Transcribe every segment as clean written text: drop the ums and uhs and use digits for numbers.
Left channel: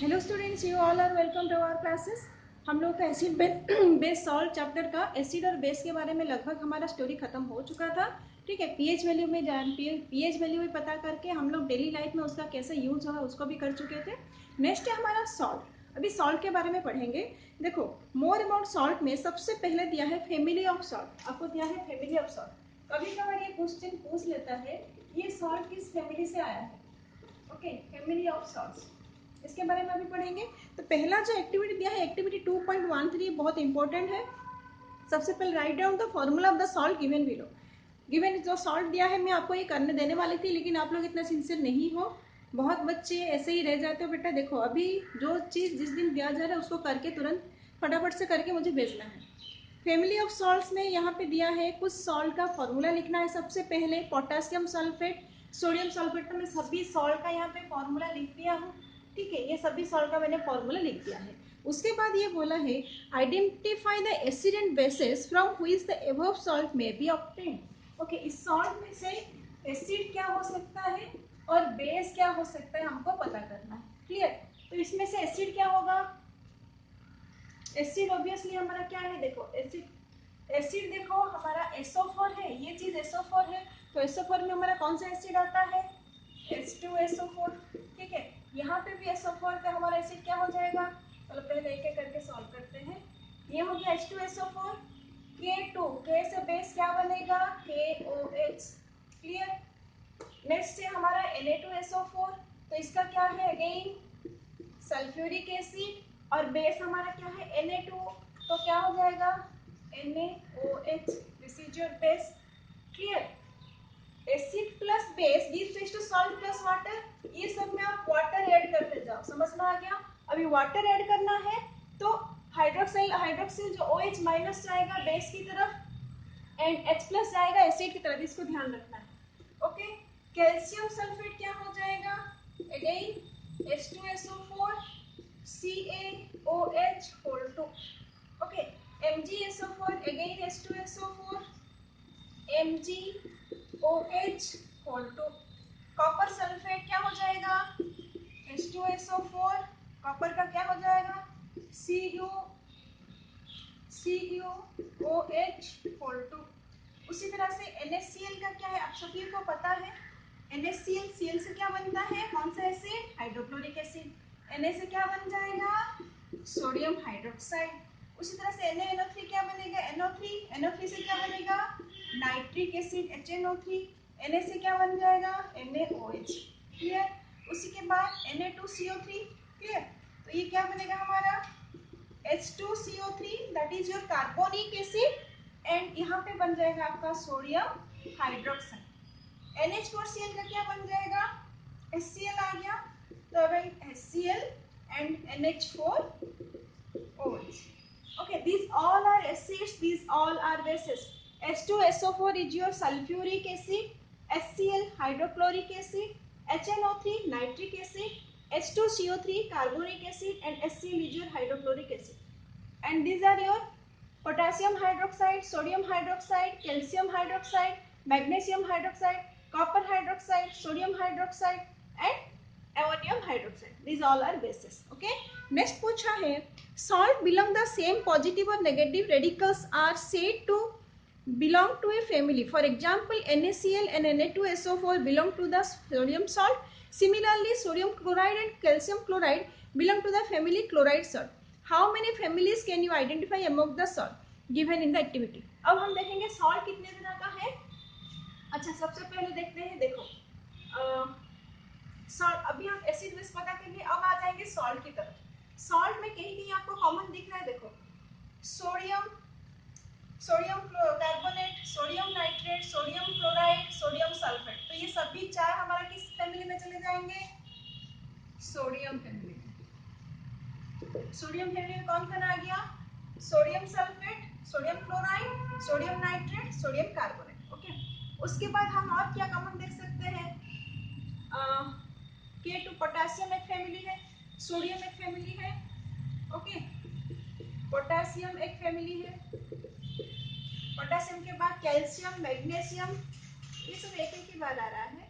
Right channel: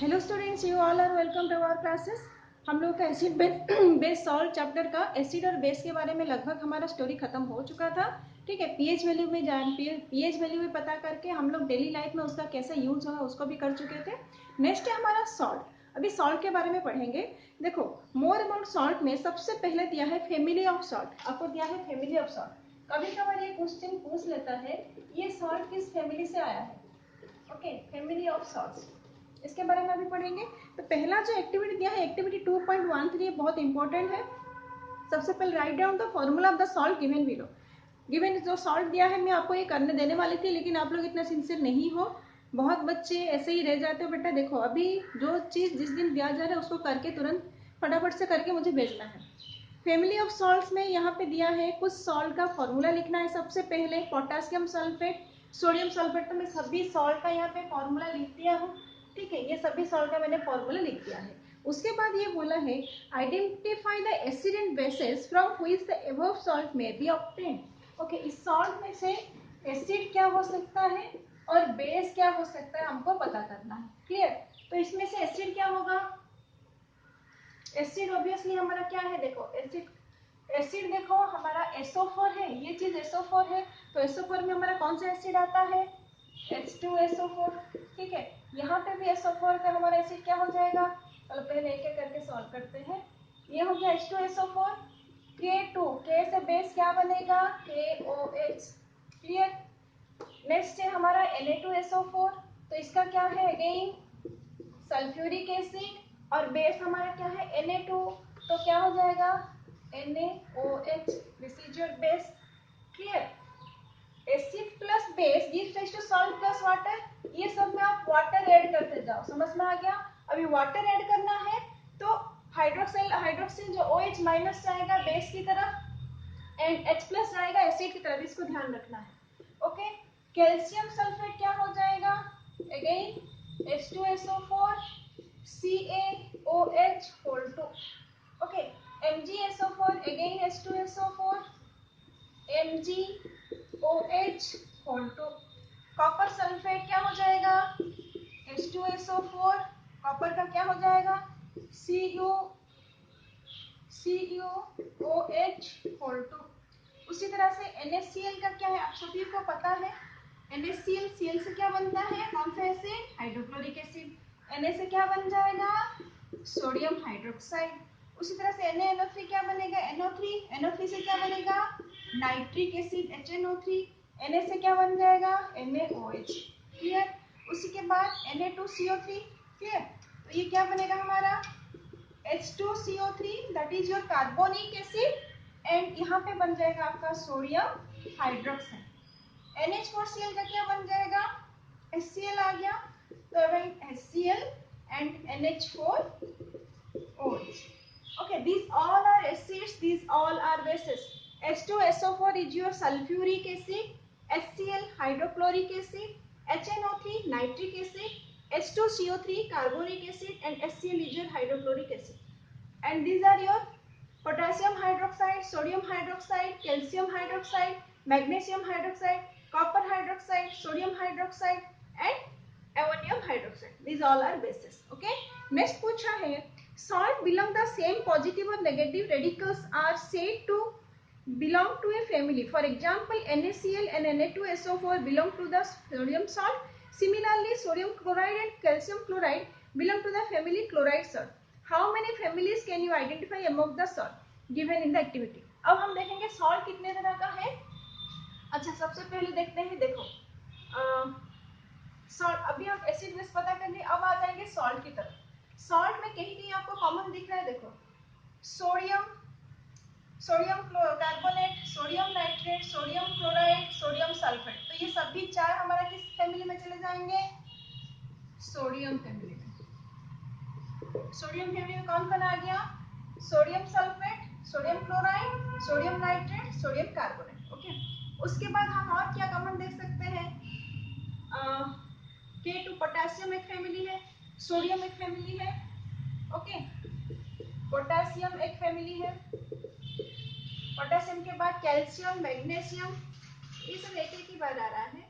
Hello students, you all are welcome to our classes. हम लोग का एसिड बेस सॉल्ट चैप्टर का acid और बेस के बारे में लगभग हमारा स्टोरी खत्म हो चुका था। ठीक है, पीएच वैल्यू में पीएच वैल्यू में पता करके हम लोग डेली लाइफ में उसका कैसे यूज होगा उसको भी कर चुके थे। नेक्स्ट है हमारा सॉल्ट। अभी सॉल्ट के बारे में पढ़ेंगे। देखो, मोर अबाउट सॉल्ट में सबसे पहले दिया है फैमिली ऑफ सॉल्ट। आपको दिया है फैमिली ऑफ सॉल्ट। कभी कभार ये क्वेश्चन पूछ लेता है ये सॉल्ट किस फैमिली से आया है। ओके, फैमिली ऑफ सॉल्ट्स, इसके बारे में अभी पढ़ेंगे। तो पहला जो एक्टिविटी दिया है एक्टिविटी 2.13 बहुत इंपॉर्टेंट है। सबसे पहले write down the formula of the salt given below. Given जो सॉल्ट दिया है मैं आपको ये करने देने वाली थी, लेकिन आप लोग इतना सिंसियर नहीं हो। बहुत बच्चे ऐसे ही रह जाते हो। बेटा देखो, अभी जो चीज जिस दिन दिया जा रहा है उसको करके तुरंत फटाफट से करके मुझे भेजना है। फैमिली ऑफ सॉल्ट्स में यहाँ पे दिया है कुछ सॉल्ट का फॉर्मूला लिखना है। सबसे पहले पोटेशियम सल्फेट, सोडियम सल्फेट। तो मैं सभी सॉल्ट का यहाँ पे फॉर्मूला लिख दिया हूँ। ठीक है, ये सभी सॉल्ट का मैंने फॉर्मूला लिख दिया है। उसके बाद ये बोला है identify the acid and bases from which the above salt may be obtained. Okay, इस सॉल्ट में से एसिड क्या हो सकता है और बेस क्या हो सकता है हमको पता करना है। क्लियर? तो इसमें से एसिड क्या होगा? एसिड ऑब्वियसली हमारा क्या है? देखो एसिड देखो हमारा SO4 है। ये चीज SO4 है, तो SO4 में हमारा कौन सा एसिड आता है? H2SO4। ठीक है, यहाँ पे भी SO4 का हमारा एसिड क्या हो जाएगा? चलो पहले एक एक करके सॉल्व करते हैं। ये हो गया H2SO4। K2, K से बेस क्या बनेगा? KOH। क्लियर? नेक्स्ट है हमारा Na2SO4। तो इसका क्या है? अगेन सल्फ्यूरिक एसिड, और बेस हमारा क्या है? Na2। तो क्या हो जाएगा? NaOH। This is your base. Clear? Acid plus base gives rise to salt plus water. ये सब में आप वाटर ऐड करते जाओ। समझ में आ गया? अभी वाटर ऐड करना है तो हाइड्रोक्सिल जो OH माइनस जाएगा बेस की तरफ एंड H प्लस जाएगा एसिड की तरफ। इसको ध्यान रखना है। ओके, कैल्शियम सल्फेट क्या हो जाएगा? Again H2SO4 CaOH whole 2। Okay, MgSO4 again H2SO4 MgOH whole 2। Copper sulphate क्या हो जाएगा? H2SO4, कॉपर का क्या हो जाएगा? CuOH whole 2। उसी तरह से NaCl का क्या है? आप सभी को पता है NaCl, Cl से क्या बनता है? कौन सा एसिड? Hydrochloric acid. Na से क्या बन जाएगा? Sodium hydroxide. उसी तरह से NaNO3 क्या बनेगा? NO3 से क्या बनेगा? Nitric acid HNO3। Na से क्या बन जाएगा? NaOH। क्लियर? उसी के बाद Na2CO3। क्लियर? तो ये क्या बनेगा हमारा? H2CO3 that is your carbonic acid, and यहाँ पे बन जाएगा आपका सोडियम हाइड्रोक्साइड। NH4Cl का क्या बन जाएगा? HCl आ गया, तो right HCl and NH4OH। Okay, these all are acids, these all are bases. H2SO4 is your sulfuric acid, HCl hydrochloric acid, HNO3 nitric acid, H2CO3 carbonic acid, and HCl is your hydrochloric acid. And these are your potassium hydroxide, sodium hydroxide, calcium hydroxide, magnesium hydroxide, copper hydroxide, sodium hydroxide, and ammonium hydroxide. These all are bases. Okay, next पूछा है salt belong the same positive or negative radicals are said to belong to a family. For example, NaCl and Na2SO4 belong to the sodium salt. Similarly, sodium chloride and calcium chloride belong to the family chloride salt. How many families can you identify among the salt given in the activity? अब हम देखेंगे salt कितने तरह का है। अच्छा, सबसे पहले देखते हैं। देखो सॉल्ट, अभी हम एसिड बेस पता कर लिए, अब आ जाएंगे सॉल्ट की तरफ। सॉल्ट में कहीं कहीं आपको कॉमन दिख रहा है। देखो sodium carbonate, sodium nitrate, sodium chloride, sodium sulphate. तो ये सभी चार हमारा किस फैमिली में चले जाएंगे? सोडियम फैमिली में। सोडियम फैमिली में कौन कौन आ गया? Sodium sulphate, sodium chloride, sodium nitrate, sodium carbonate. Okay, उसके बाद हम और क्या कॉमन देख सकते हैं? K2 पोटेशियम एक फैमिली है, सोडियम एक फैमिली है। ओके, पोटेशियम एक फैमिली है। पोटेशियम के बाद कैल्शियम, मैग्नीशियम, ये सब एक एक ही बार आ रहा है,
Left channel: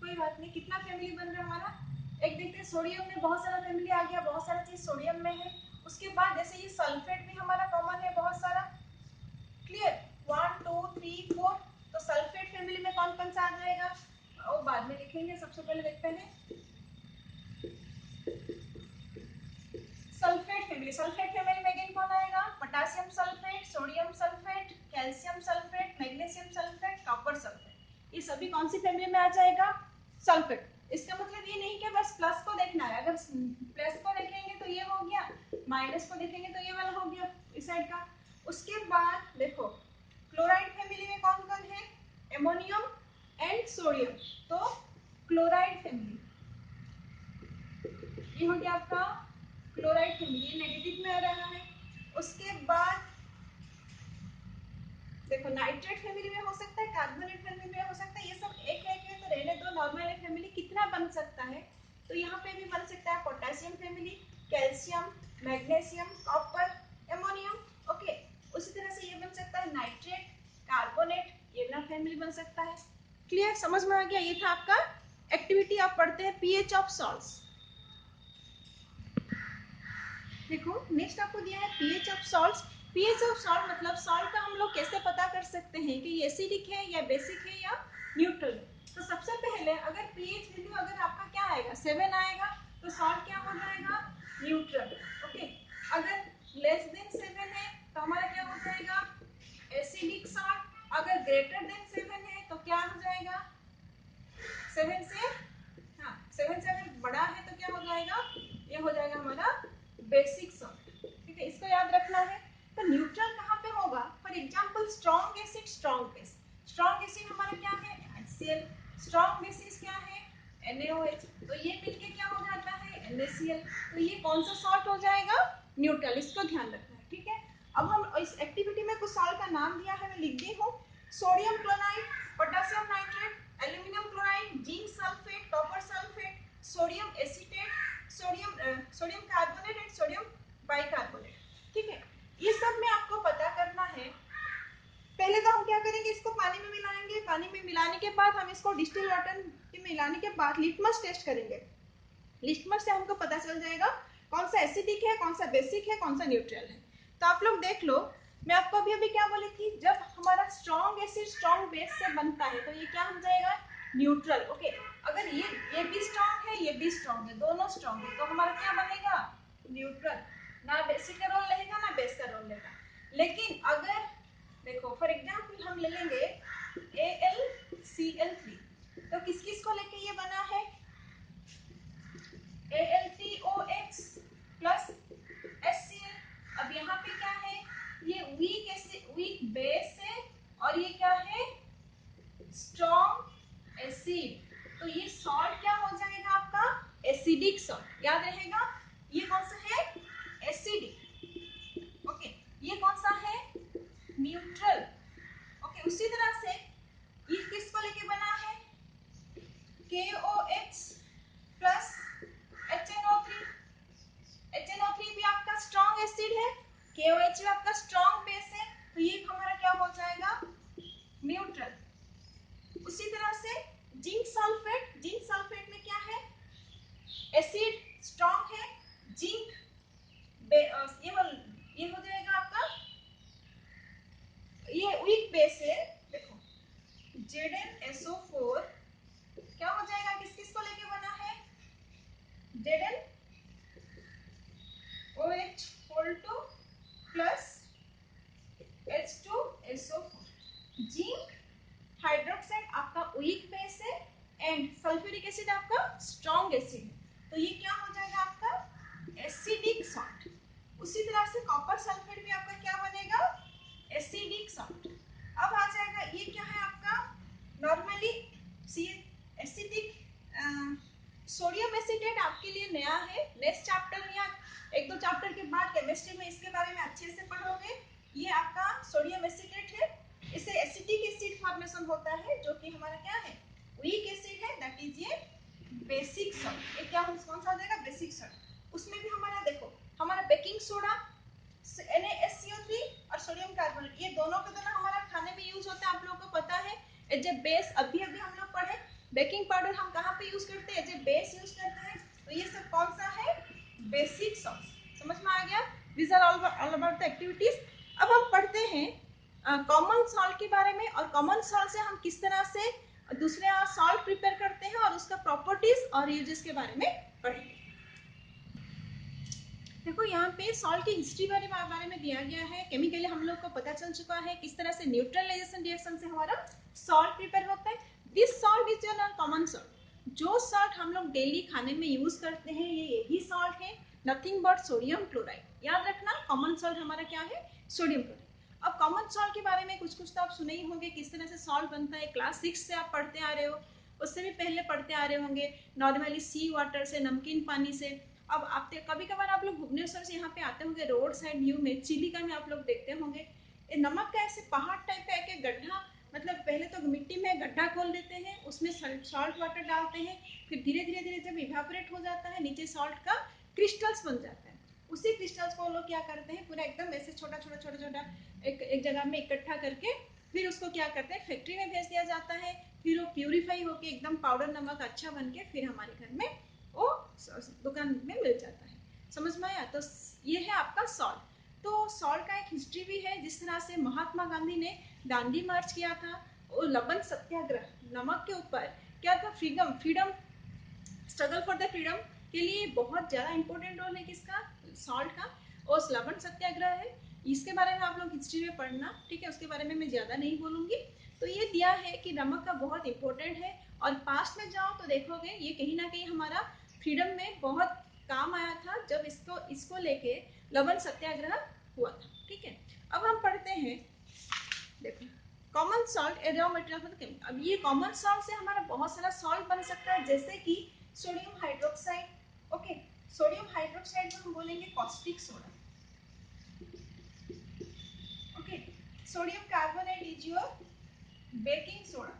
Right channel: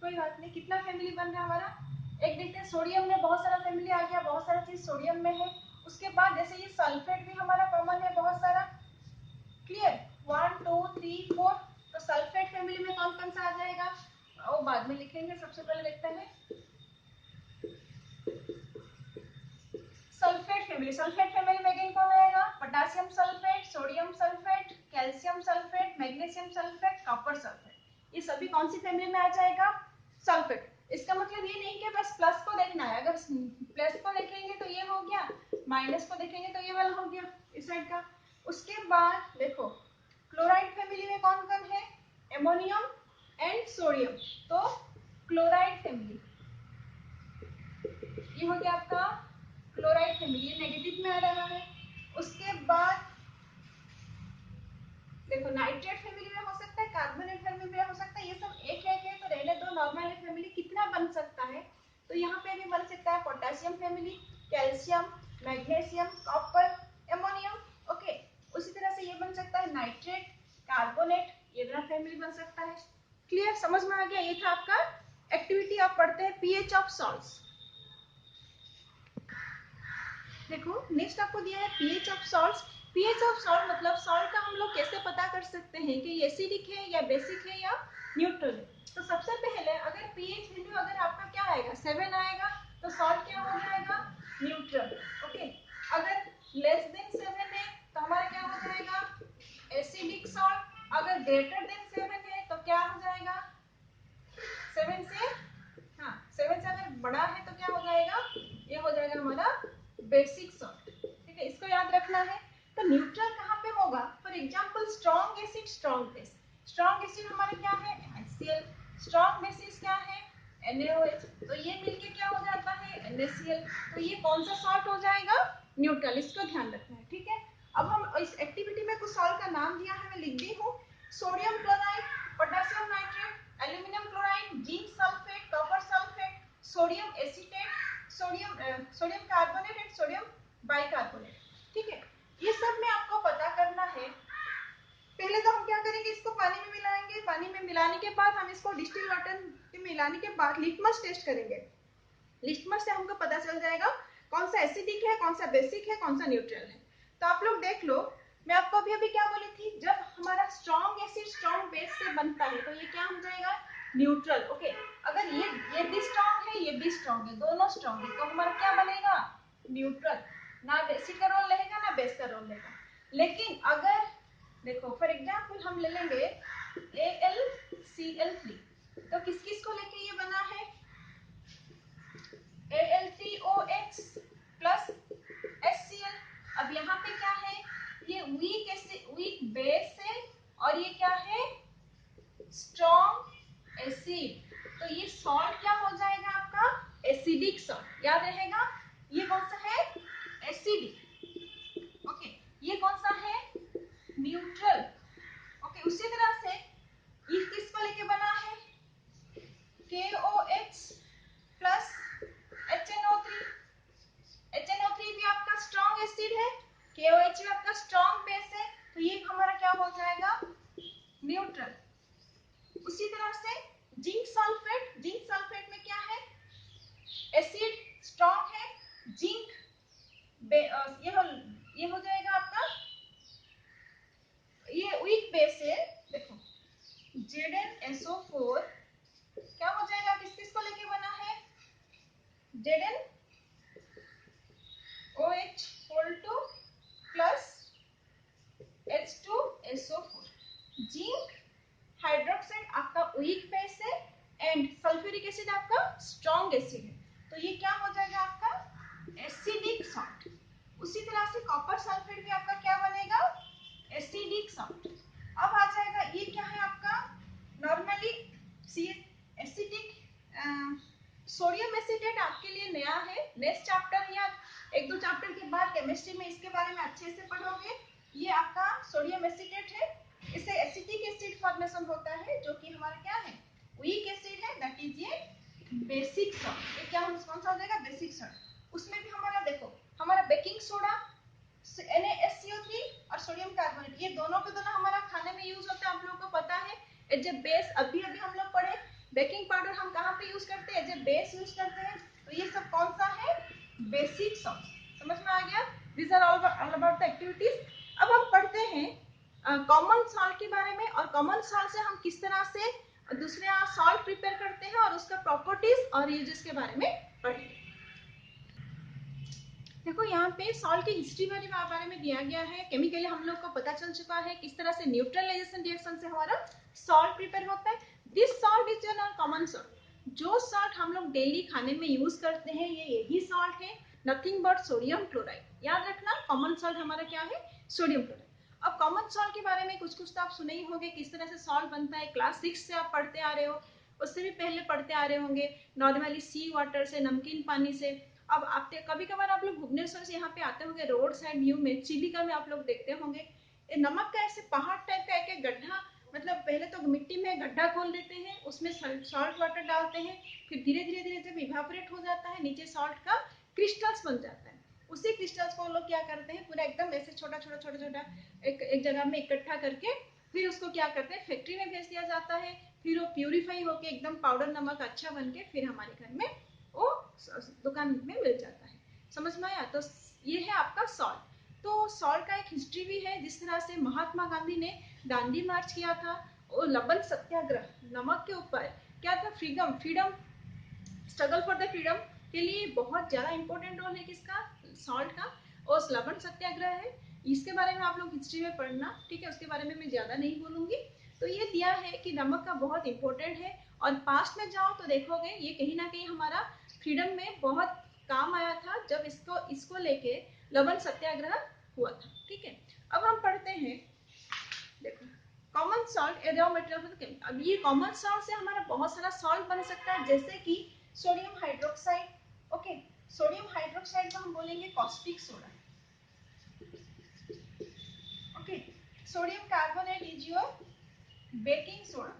कोई बात नहीं। कितना फैमिली बन रहा है हमारा? एक देखते हैं, सोडियम में बहुत सारा फैमिली आ गया, बहुत सोडियम में है। उसके बाद जैसे ये सल्फेट भी हमारा कॉमन है बहुत सारा, क्लियर, 1 2 3 4, तो सल्फेट फैमिली में कौन कौन सा आ जाएगा वो बाद में लिखेंगे, सबसे पहले देखते हैं सल्फेट फैमिली में अगेन कौन आएगा, potassium sulphate, sodium sulphate, calcium sulphate, magnesium sulphate, copper sulphate, ये सभी कौन सी फैमिली में आ जाएगा, सल्फेट। इसका मतलब ये नहीं कि बस प्लस को देखना है, अगर प्लस को देखेंगे तो ये हो गया, माइनस को देखेंगे तो ये वाला हो गया इस साइड का। उसके बाद देखो क्लोराइड फैमिली में कौन कौन है, एमोनियम एंड सोडियम, तो क्लोराइड फैमिली ये हो गया आपका क्लोराइड फैमिली, ये नेगेटिव में आ रहा है। उसके बाद देखो नाइट्रेट फैमिली में हो सकता है, कार्बोनेट फैमिली में हो सकता है, ये सब एक एक है तो रहने दो, नॉर्मल फैमिली कितना बन सकता है, तो यहाँ पे भी बन सकता है potassium family, calcium, magnesium, copper, ammonium, okay. उसी तरह से ये बन सकता है नाइट्रेट, कार्बोनेट, ये वाला फैमिली बन सकता है। क्लियर, समझ में आ गया, ये था आपका एक्टिविटी, आप पढ़ते हैं पीएच ऑफ सॉल्ट्स। देखो नेक्स्ट आपको दिया है pH of salts. PH of salt मतलब सॉल्ट का हम लोग कैसे पता कर सकते हैं कि एसिडिक है या बेसिक है या न्यूट्रल है। तो सबसे पहले अगर पीएच वैल्यू अगर आपका क्या आएगा 7 आएगा तो सॉल्ट क्या हो जाएगा, न्यूट्रल, ओके। अगर लेस देन 7 है तो हमारा क्या हो जाएगा, एसिडिक सॉल्ट। अगर ग्रेटर देन 7 है तो क्या हो जाएगा, 7 से, हाँ 7 से अगर बड़ा है तो क्या हो जाएगा, ये हो जाएगा हमारा बेसिक सॉल्ट, ठीक है, इसको याद रखना है। तो न्यूट्रल कहाँ पे होगा, for example strong acid, strong base, strong acid हमारा क्या है HCl, स्ट्रॉन्ग बेसिस क्या है NaOH, तो ये मिलके क्या हो जाता है NaCl, तो ये कौन सा सॉल्ट हो जाएगा, न्यूट्रल, इसको ध्यान रखना है, ठीक है। अब हम इस एक्टिविटी में कुछ सॉल्ट का नाम दिया है, मैं लिख दी हूँ, sodium chloride, potassium nitrate, aluminium chloride, zinc sulphate, copper sulphate, sodium acetate, sodium carbonate and sodium bicarbonate, ठीक है। ये सब में आपको पता करना है। पहले तो हम क्या करेंगे, इसको पानी में मिलाएंगे, पानी में मिलाने के बाद हम इसको डिस्टिल वाटर में मिलाने के बाद लिटमस टेस्ट करेंगे। लिटमस से हमको पता चल जाएगा कौन सा एसिडिक है, कौन सा बेसिक है, कौन सा न्यूट्रल है। तो आप लोग देख लो, मैं आपको अभी क्या बोली थी, जब हमारा स्ट्रॉन्ग एसिड स्ट्रॉन्ग बेस से बनता है तो ये क्या हो जाएगा, न्यूट्रल, ओके। अगर ये भी स्ट्रॉन्ग है, ये भी स्ट्रॉन्ग है, दोनों स्ट्रॉन्ग है, तो हमारा क्या बनेगा, न्यूट्रल, ना एसिड का रोल रहेगा ना बेस का रोल रहेगा। लेकिन अगर देखो फॉर एग्जांपल हम ले लेंगे AlCl3, तो किस किस को लेके ये बना है, Al3OH प्लस HCl। अब यहाँ पे क्या है, ये वीक बेस है और ये क्या है, स्ट्रॉन्ग एसिड, तो ये सॉल्ट क्या हो जाएगा आपका, एसिडिक सॉल्ट, याद रहेगा। ये कौन सा है, एसिडिक, ओके। ये कौन सा है, न्यूट्रल, ओके। उसी तरह से ये किसको लेके बना है, KOH प्लस HNO3, HNO3 भी आपका स्ट्रॉन्ग एसिड है, KOH भी आपका स्ट्रॉन्ग बेस है, तो ये हमारा क्या हो जाएगा, न्यूट्रल। उसी तरह से जिंक सल्फेट, जिंक सल्फेट में क्या है, एसिड स्ट्रॉन्ग है, जिंक ये हो जाएगा आपका, ये वीक बेस है, देखो ZnSO4 क्या हो जाएगा, किस किस को लेके बना है, ZnOH whole 2 plus H2SO4, zinc hydroxide आपका वीक बेस है एंड सल्फ्यूरिक एसिड आपका स्ट्रॉन्ग एसिड है, तो ये क्या हो जाएगा आपका एसिडिक सॉल्ट। उसी तरह से कॉपर सल्फेट भी आपका क्या बनेगा, एसिडिक सॉल्ट। अब आ जाएगा ये क्या है आपका, नॉर्मली एसिडिक सोडियम एसिटेट आपके लिए नया है, नेक्स्ट चैप्टर या 1-2 चैप्टर के बाद केमिस्ट्री में इसके बारे में अच्छे से पढ़ोगे। ये आपका सोडियम एसिटेट है, इससे एसिटिक एसिड फॉर्मेशन होता है जो कि हमारा क्या है, वीक एसिड है, दैट इज ये बेसिक सॉल्ट। ये क्या कौन सा हो जाएगा, बेसिक सॉल्ट। उसमें भी हमारा देखो, हमारा बेकिंग सोडा NaSCO3 और सोडियम कार्बोनेट, ये दोनों के दोनों हमारा खाने में यूज होता है, आप लोगों को पता है एज ए बेस। अभी अभी हम लोग पढ़े बेकिंग पाउडर हम कहाँ पे यूज करते हैं, एज ए बेस यूज करते हैं, तो ये सब कौन सा है, बेसिक सॉल्ट। समझ में आ गया? These are all about the activities. अब हम पढ़ते हैं कॉमन सॉल्ट के बारे में, और कॉमन सॉल्ट से हम किस तरह से दूसरे सॉल्ट प्रिपेयर करते हैं और उसका प्रॉपर्टीज और यूजेस के बारे में पढ़ेंगे। देखो यहाँ पे सॉल्ट की हिस्ट्री बारे में दिया गया है। केमिकली हम लोग को पता चल चुका है किस तरह से न्यूट्रलाइजेशन रिएक्शन से हमारा सॉल्ट प्रिपेयर होता है। This salt is your common salt. जो सॉल्ट हम लोग डेली खाने में यूज करते हैं ये यही सॉल्ट है, नथिंग बट सोडियम क्लोराइड। याद रखना कॉमन सॉल्ट हमारा क्या है, सोडियम क्लोराइड। अब कॉमन सॉल्ट के बारे में कुछ तो आप सुने ही होंगे किस तरह से सॉल्ट बनता है। क्लास 6 से आप पढ़ते आ रहे हो, उससे भी पहले पढ़ते आ रहे होंगे नॉर्मली सी वाटर से, नमकीन पानी से। अब आप कभी कभार आप लोग भुवनेश्वर से यहाँ पे आते होंगे, रोड साइड व्यू में चिलिका में आप लोग देखते होंगे नमक का ऐसे पहाड़ टाइप का एक गड्ढा, मतलब पहले तो मिट्टी में गड्ढा खोल देते हैं, उसमें सॉल्ट वाटर डालते हैं, फिर धीरे धीरे धीरे जब इवेपोरेट हो जाता है नीचे सॉल्ट का क्रिस्टल्स बन जाता है। उसी क्रिस्टल्स को लोग क्या करते हैं पूरा एकदम ऐसे छोटा छोटा छोटा छोटा एक जगह में इकट्ठा करके फिर उसको क्या करते हैं फैक्ट्री में भेज दिया जाता है। फिर वो प्यूरिफाई होके एकदम पाउडर नमक अच्छा बन के फिर हमारे घर में वो दुकान में मिल जाता है। समझ में आया? तो ये है आपका सॉल्ट। तो सॉल्ट का एक हिस्ट्री भी है, जिस तरह से महात्मा गांधी ने दांडी मार्च किया था और लवण सत्याग्रह नमक के ऊपर क्या था, freedom struggle for the freedom के लिए बहुत ज्यादा इंपॉर्टेंट रोल है किसका, सॉल्ट का। और लवण सत्याग्रह है, इसके बारे में आप लोग हिस्ट्री में पढ़ना, ठीक है? उसके बारे में मैं ज्यादा नहीं बोलूंगी। तो ये दिया है कि नमक का बहुत इंपॉर्टेंट है, और पास्ट में जाओ तो देखोगे ये कहीं ना कहीं हमारा फ्रीडम में बहुत काम आया था जब इसको लेके लवण सत्याग्रह हुआ था। ठीक है, अब हम पढ़ते हैं, देखो कॉमन सॉल्ट रॉ मटेरियल। अब ये कॉमन सॉल्ट से हमारा बहुत सारा सॉल्ट बन सकता है, जैसे कि sodium hydroxide. Okay, sodium hydroxide को हम बोलेंगे caustic soda. Okay, sodium carbonate is your baking soda.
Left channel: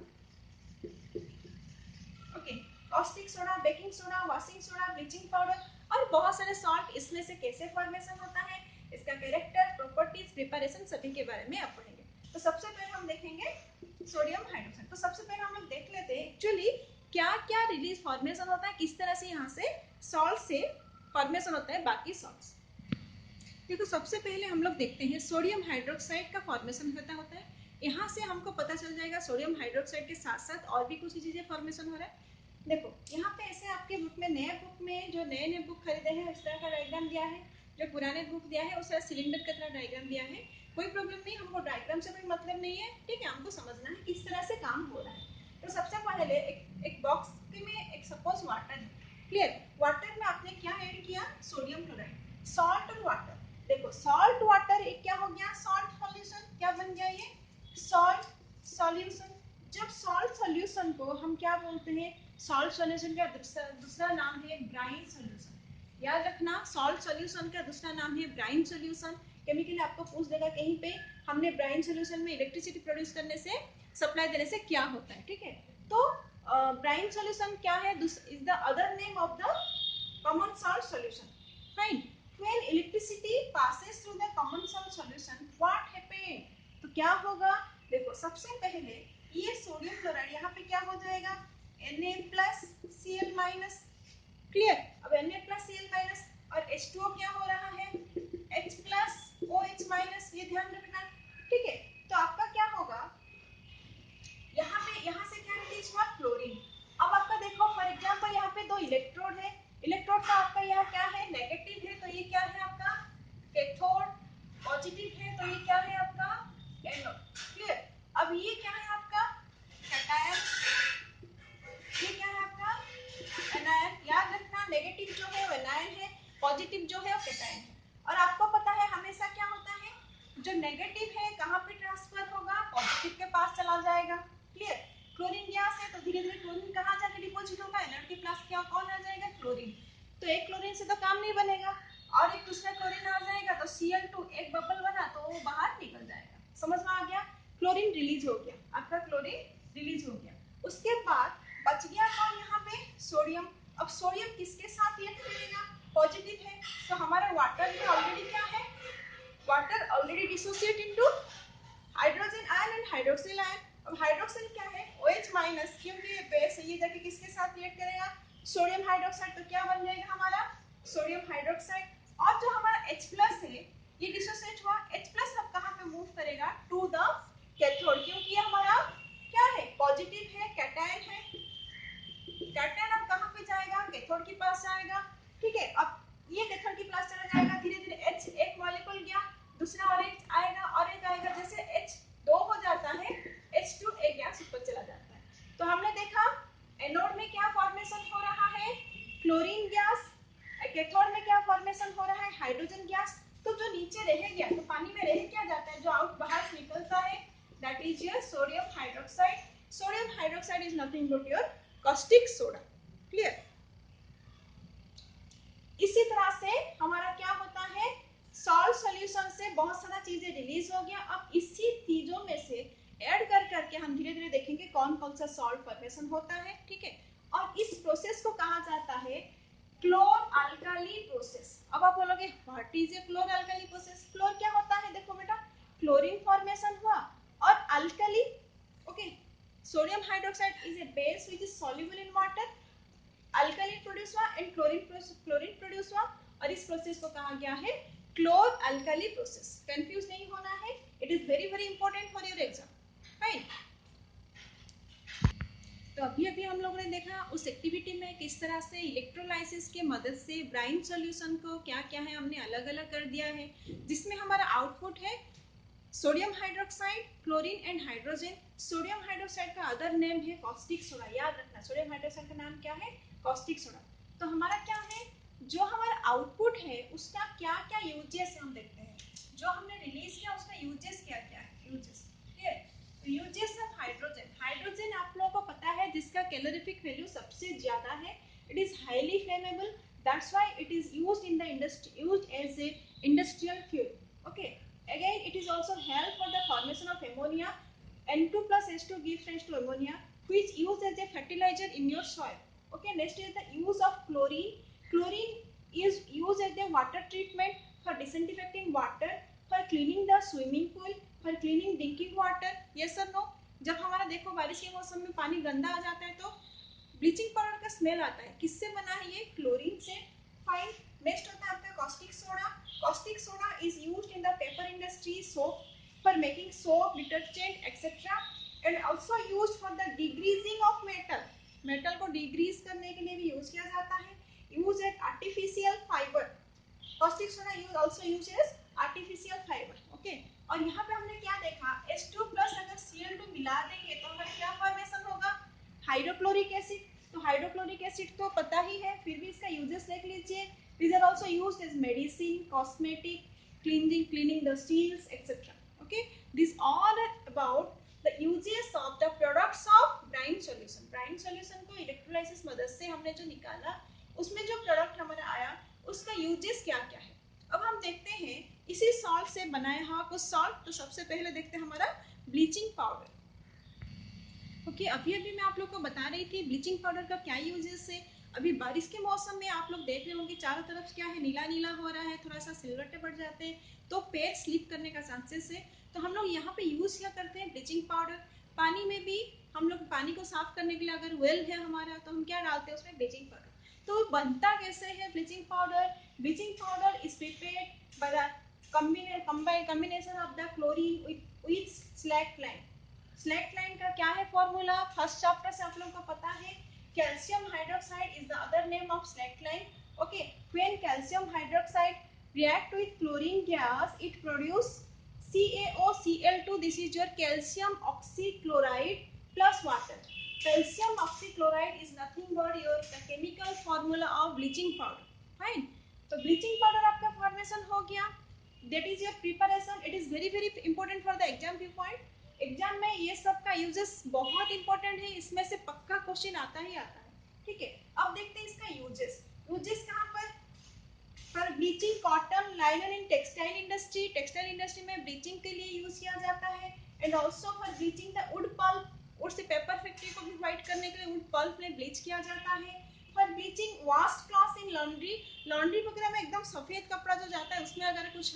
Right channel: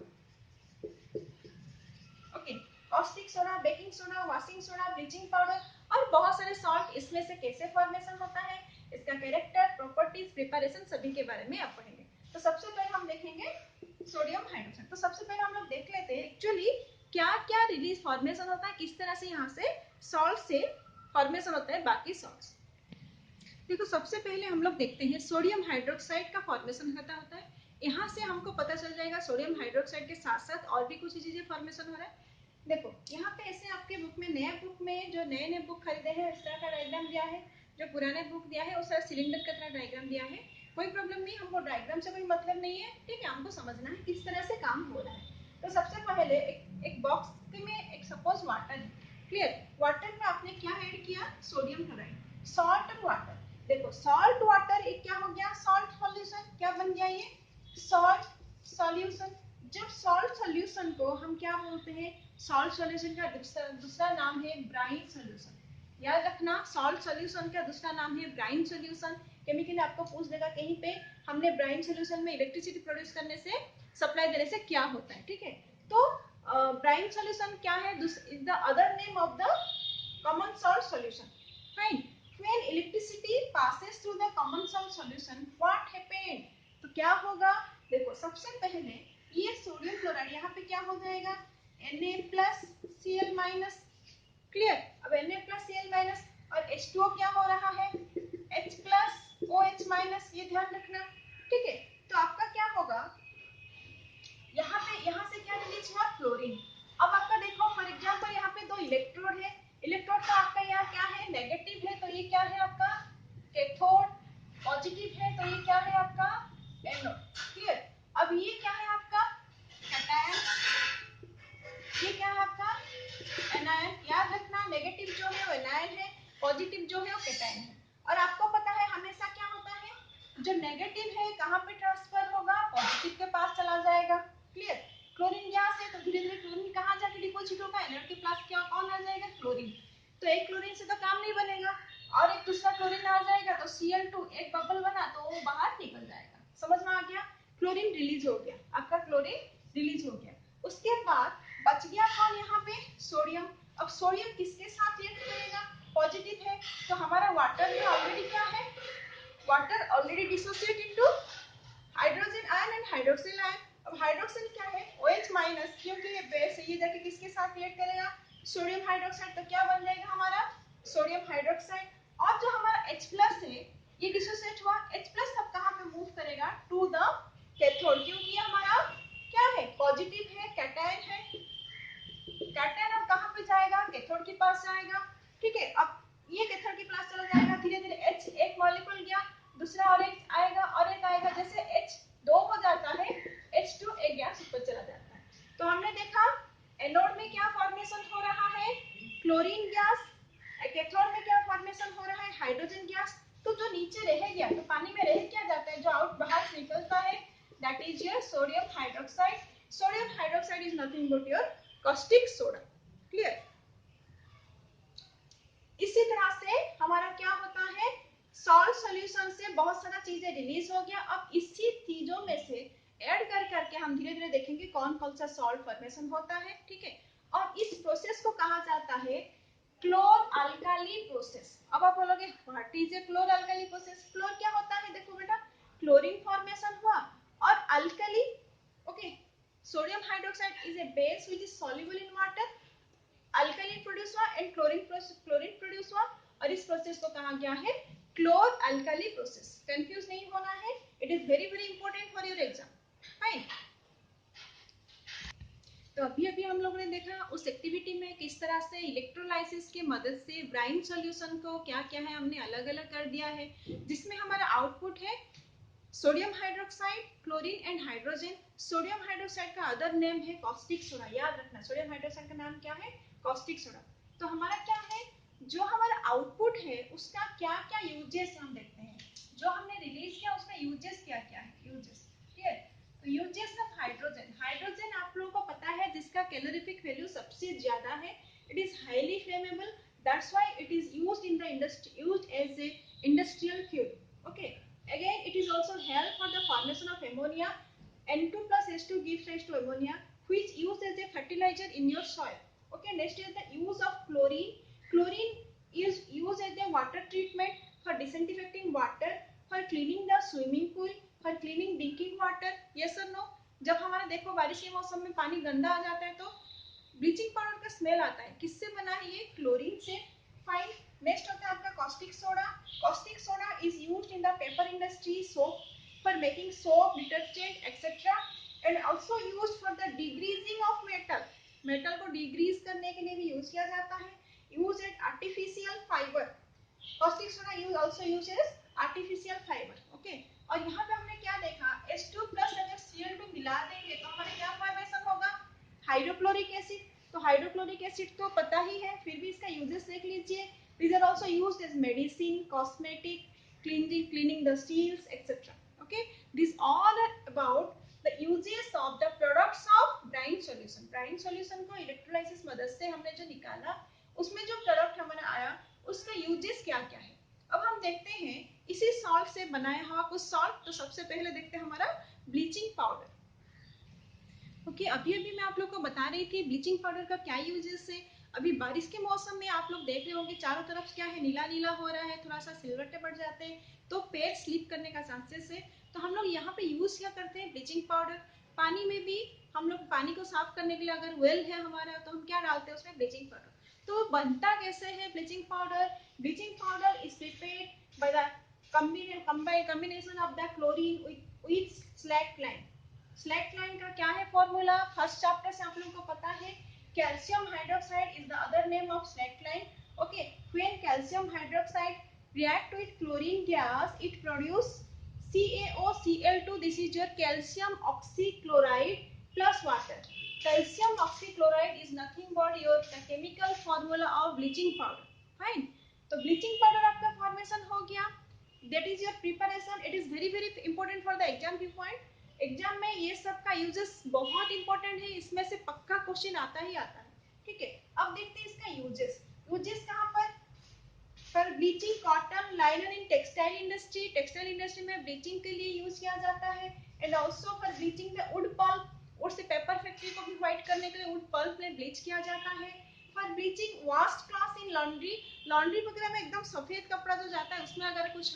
Okay, caustic soda, baking soda, washing soda, bleaching powder और बहुत सारे सॉल्ट। इसमें से कैसे फॉर्मेशन होता है, इसका कैरेक्टर, प्रॉपर्टीज, प्रिपरेशन सभी के बारे में आप पढ़ेंगे। तो सबसे पहले हम देखेंगे सोडियम हाइड्रोक्साइड। तो सबसे पहले हम लोग देख लेते हैं एक्चुअली क्या क्या रिलीज फॉर्मेशन होता है, किस तरह से यहाँ से सॉल्ट से फॉर्मेशन होता है बाकी सॉल्ट्स। देखो सबसे पहले हम लोग देखते हैं सोडियम हाइड्रोक्साइड का फॉर्मेशन होता है। यहाँ से हमको पता चल जाएगा सोडियम हाइड्रोक्साइड के साथ साथ और भी कुछ चीजें फॉर्मेशन हो रहा है। देखो यहाँ पे ऐसे आपके बुक में, नया बुक में जो नए बुक खरीदे हैं इस तरह का डायग्राम दिया है, जो पुराने बुक दिया है उस तरह सिलेंडर की तरह डायग्राम दिया है। कोई प्रॉब्लम नहीं, हमको डायग्राम से कोई मतलब नहीं है, ठीक है? हमको समझना है किस तरह से काम हो रहा है। तो सबसे पहले एक बॉक्स में एक सपोज वाटर है, क्लियर? वाटर में आपने क्या ऐड किया, सोडियम क्लोराइड, सॉल्ट और वाटर। देखो सॉल्ट वाटर एक क्या हो गया, सॉल्ट सॉल्यूशन। क्या बन गया ये, सॉल्ट सॉल्यूशन। जब सॉल्ट सॉल्यूशन को हम क्या बोलते हैं, सॉल्ट सॉल्यूशन का दूसरा नाम है ब्राइन सॉल्यूशन। याद रखना सॉल्ट सॉल्यूशन का दूसरा नाम है ब्राइन सॉल्यूशन। केमिकली आपको पूछ देगा कहीं पे, हमने ब्राइन सॉल्यूशन में इलेक्ट्रिसिटी प्रोड्यूस करने से, सप्लाई देने से क्या होता है, ठीक है? तो ब्राइन सॉल्यूशन क्या है, is the other name of the common salt solution. Fine, when electricity passes through the common salt solution what happen, तो क्या होगा, देखो सबसे पहले ये सोडियम क्लोराइड यहाँ पे क्या हो जाएगा, Na+Cl-, क्लियर? अब Na+Cl- और H2O क्या हो रहा है, H+OH-, ये ध्यान रखना, ठीक है? तो आपका क्या होगा, यहाँ से क्या रिलीज हुआ, क्लोरीन। अब आपका देखो फॉर एग्जांपल यहाँ पे दो इलेक्ट्रोड है, इलेक्ट्रोड का आपका यहाँ क्या है, नेगेटिव है, तो ये क्या है आपका कैथोड, पॉजिटिव है तो ये क्या है आपका एनोड, क्लियर? अब ये क्या है आपका कैटायन, ये क्या है आपका एनायन। याद रखना नेगेटिव जो है वो एनायन है, पॉजिटिव जो है वो कैटायन है। और आपको पता है हमेशा क्या होता है, जो नेगेटिव है कहाँ पे ट्रांसफर होगा, पॉजिटिव के पास चला जाएगा, क्लियर? क्लोरीन गैस है तो धीरे धीरे क्लोरीन कहाँ जाके डिपोजिट होगा, एनोड के पास क्या कौन आ जाएगा, क्लोरीन। तो एक क्लोरीन से तो काम नहीं बनेगा, और एक दूसरा क्लोरीन आ जाएगा तो Cl2 एक बबल बना तो वो बाहर निकल जाएगा। समझ में आ गया, क्लोरीन रिलीज हो गया, आपका क्लोरीन रिलीज हो गया। उसके बाद बच गया कौन यहाँ पे, सोडियम। अब सोडियम किसके साथ रिएक्ट करेगा, पॉजिटिव है, तो हमारा वाटर में ऑलरेडी क्या है, water already dissociate into hydrogen ion and hydroxyl ion. अब हाइड्रोक्सिल क्या है, OH-, क्योंकि ये बेस है, ये जाके किसके साथ रिएक्ट करेगा, सोडियम हाइड्रोक्साइड, तो क्या बन जाएगा हमारा सोडियम हाइड्रोक्साइड। और जो हमारा H प्लस है, ये डिसोसिएट हुआ, H प्लस अब कहाँ पे मूव करेगा, टू द कैथोड, क्योंकि हमारा क्या है, पॉजिटिव है, कैटायन है, कैटायन अब कहाँ पे जाएगा, कैथोड के पास जाएगा, ठीक है। अब ये कैथोड के पास चला जाएगा, धीरे धीरे H एक मॉलिक्यूल गया, दूसरा और एक आएगा और एक आएगा, जैसे H 2 हो जाता है, H2 एक गैस ऊपर चला जाता है। तो हमने देखा एनोड में क्या फॉर्मेशन हो रहा है, क्लोरीन गैस, कैथोड में क्या फॉर्मेशन हो रहा है, हाइड्रोजन गैस। तो जो नीचे रह गया, तो पानी में रह क्या जाता है, जो आउट बाहर निकलता है, that is your sodium hydroxide. Sodium hydroxide is nothing but your caustic soda, clear. इसी तरह से हमारा क्या होता है, सॉल्ट सॉल्यूशन से बहुत सारा चीजें रिलीज हो गया। अब इसी चीजों में से ऐड कर करके हम धीरे धीरे देखेंगे कौन कौन सा सॉल्ट फॉर्मेशन होता है, ठीक है। और इस प्रोसेस को कहा जाता है क्लोर अल्काली प्रोसेस। अब आप बोलोगे what is a chlor alkali process, chlor क्या होता है, देखो बेटा क्लोरीन फॉर्मेशन हुआ, और alkali, okay, sodium hydroxide is a base which is soluble in water, alkali produce हुआ एंड क्लोरीन प्रोड्यूस हुआ, और इस प्रोसेस को कहा गया है क्लोर अल्काली प्रोसेस। कंफ्यूज नहीं होना है, it is very very important for your exam, right. तो अभी अभी हम लोगों ने देखा उस एक्टिविटी में किस तरह से इलेक्ट्रोलाइसिस के मदद से ब्राइन सॉल्यूशन को क्या क्या है हमने अलग अलग कर दिया है, जिसमें हमारा आउटपुट है sodium hydroxide, chlorine and hydrogen. Sodium hydroxide का अदर नेम है कॉस्टिक सोडा, याद रखना सोडियम हाइड्रोक्साइड का नाम क्या है, कॉस्टिक सोडा। तो हमारा क्या है, जो हमारा आउटपुट है उसका क्या क्या यूजेस हम देखते हैं, जो हमने रिलीज किया उसका यूजेस क्या क्या है, यूजेस, क्लियर। तो यूजेस ऑफ हाइड्रोजन, हाइड्रोजन आप लोगों को पता है जिसका कैलोरीफिक वैल्यू सबसे ज्यादा है, it is highly flammable, that's why it is used in the industry, used as a industrial fuel, okay. Again, it is also help for the formation of ammonia. N2 plus H2 gives rise to ammonia, which used as a fertilizer in your soil. Okay, next is the use of chlorine. Chlorine is used as a water treatment for disinfecting water, for cleaning the swimming pool, for cleaning drinking water. Yes or no? जब हमारा देखो बारिश के मौसम में पानी गंदा आ जाता है तो ब्लीचिंग पाउडर का स्मेल आता है, किससे बना है ये, क्लोरीन से, फाइन। नेक्स्ट होता है आपका caustic soda. Caustic soda is used in the paper industry, soap for making soap, detergent etcetera, and also used for the degreasing of metal, metal को डिग्रीज करने के लिए भी यूज किया जाता है, use at artificial fibre, caustic soda use also use as artificial fibre, okay. और यहाँ पे हमने क्या देखा, H2 प्लस अगर Cl2 मिला देंगे तो हमारा क्या फॉर्मेशन होगा, हाइड्रोक्लोरिक एसिड। तो हाइड्रोक्लोरिक एसिड तो पता ही है, फिर भी इसका यूजेस देख लीजिए, these are also used as medicine, cosmetic, cleaning the seals, etc. Okay, these all are about the uses of the products of brine solution. brine solution को electrolysis मदद से हमने जो निकाला उसमें जो प्रोडक्ट हमारा आया उसका यूजेस क्या क्या है। अब हम देखते हैं इसी सॉल्ट से बनाया हुआ कुछ सॉल्ट। तो सबसे पहले देखते हैं हमारा ब्लीचिंग पाउडर। ओके, अभी अभी मैं आप लोग को बता रही थी ब्लीचिंग पाउडर का क्या यूजेस है। अभी बारिश के मौसम में आप लोग देख रहे होंगे चारों तरफ क्या है, नीला नीला हो रहा है, थोड़ा सा सिलवट्टे पड़ जाते हैं तो पैर स्लिप करने का चांसेस है। तो हम लोग यहाँ पे यूज क्या करते हैं, ब्लीचिंग पाउडर। पानी में भी हम लोग पानी को साफ करने के लिए अगर वेल है हमारा तो हम क्या डालते हैं उसमें, ब्लीचिंग पाउडर। तो बनता कैसे है bleaching powder, bleaching powder is prepared by the combination of the chlorine with slackline. स्लैकलाइन का क्या है फॉर्मूला, फर्स्ट चैप्टर से आप लोगों को पता है, calcium hydroxide is the other name of slaked lime, okay. When calcium hydroxide react with chlorine gas it produce CaOCl2, this is your calcium oxychloride plus water. Calcium oxychloride is nothing but your chemical formula of bleaching powder, fine। तो bleaching powder आपका formation हो गया, that is your preparation, it is very very important for the exam point। Exam में ये सब का uses बहुत important है, इसमें से पक्का क्वेश्चन आता ही आता है, ठीक है। अब देखते हैं इसका यूजेस। यूजेस कहाँ पर, for bleaching cotton लाइनन in textile industry, textile industry में ब्लीचिंग के लिए यूज किया जाता है, and also for bleaching the wood pulp, would say paper factory को भी व्हाइट करने के लिए वुड पल्प में ब्लीच किया जाता है। For bleaching washed cloth in laundry, laundry वगैरह में एकदम सफेद कपड़ा जो जाता है उसमें अगर कुछ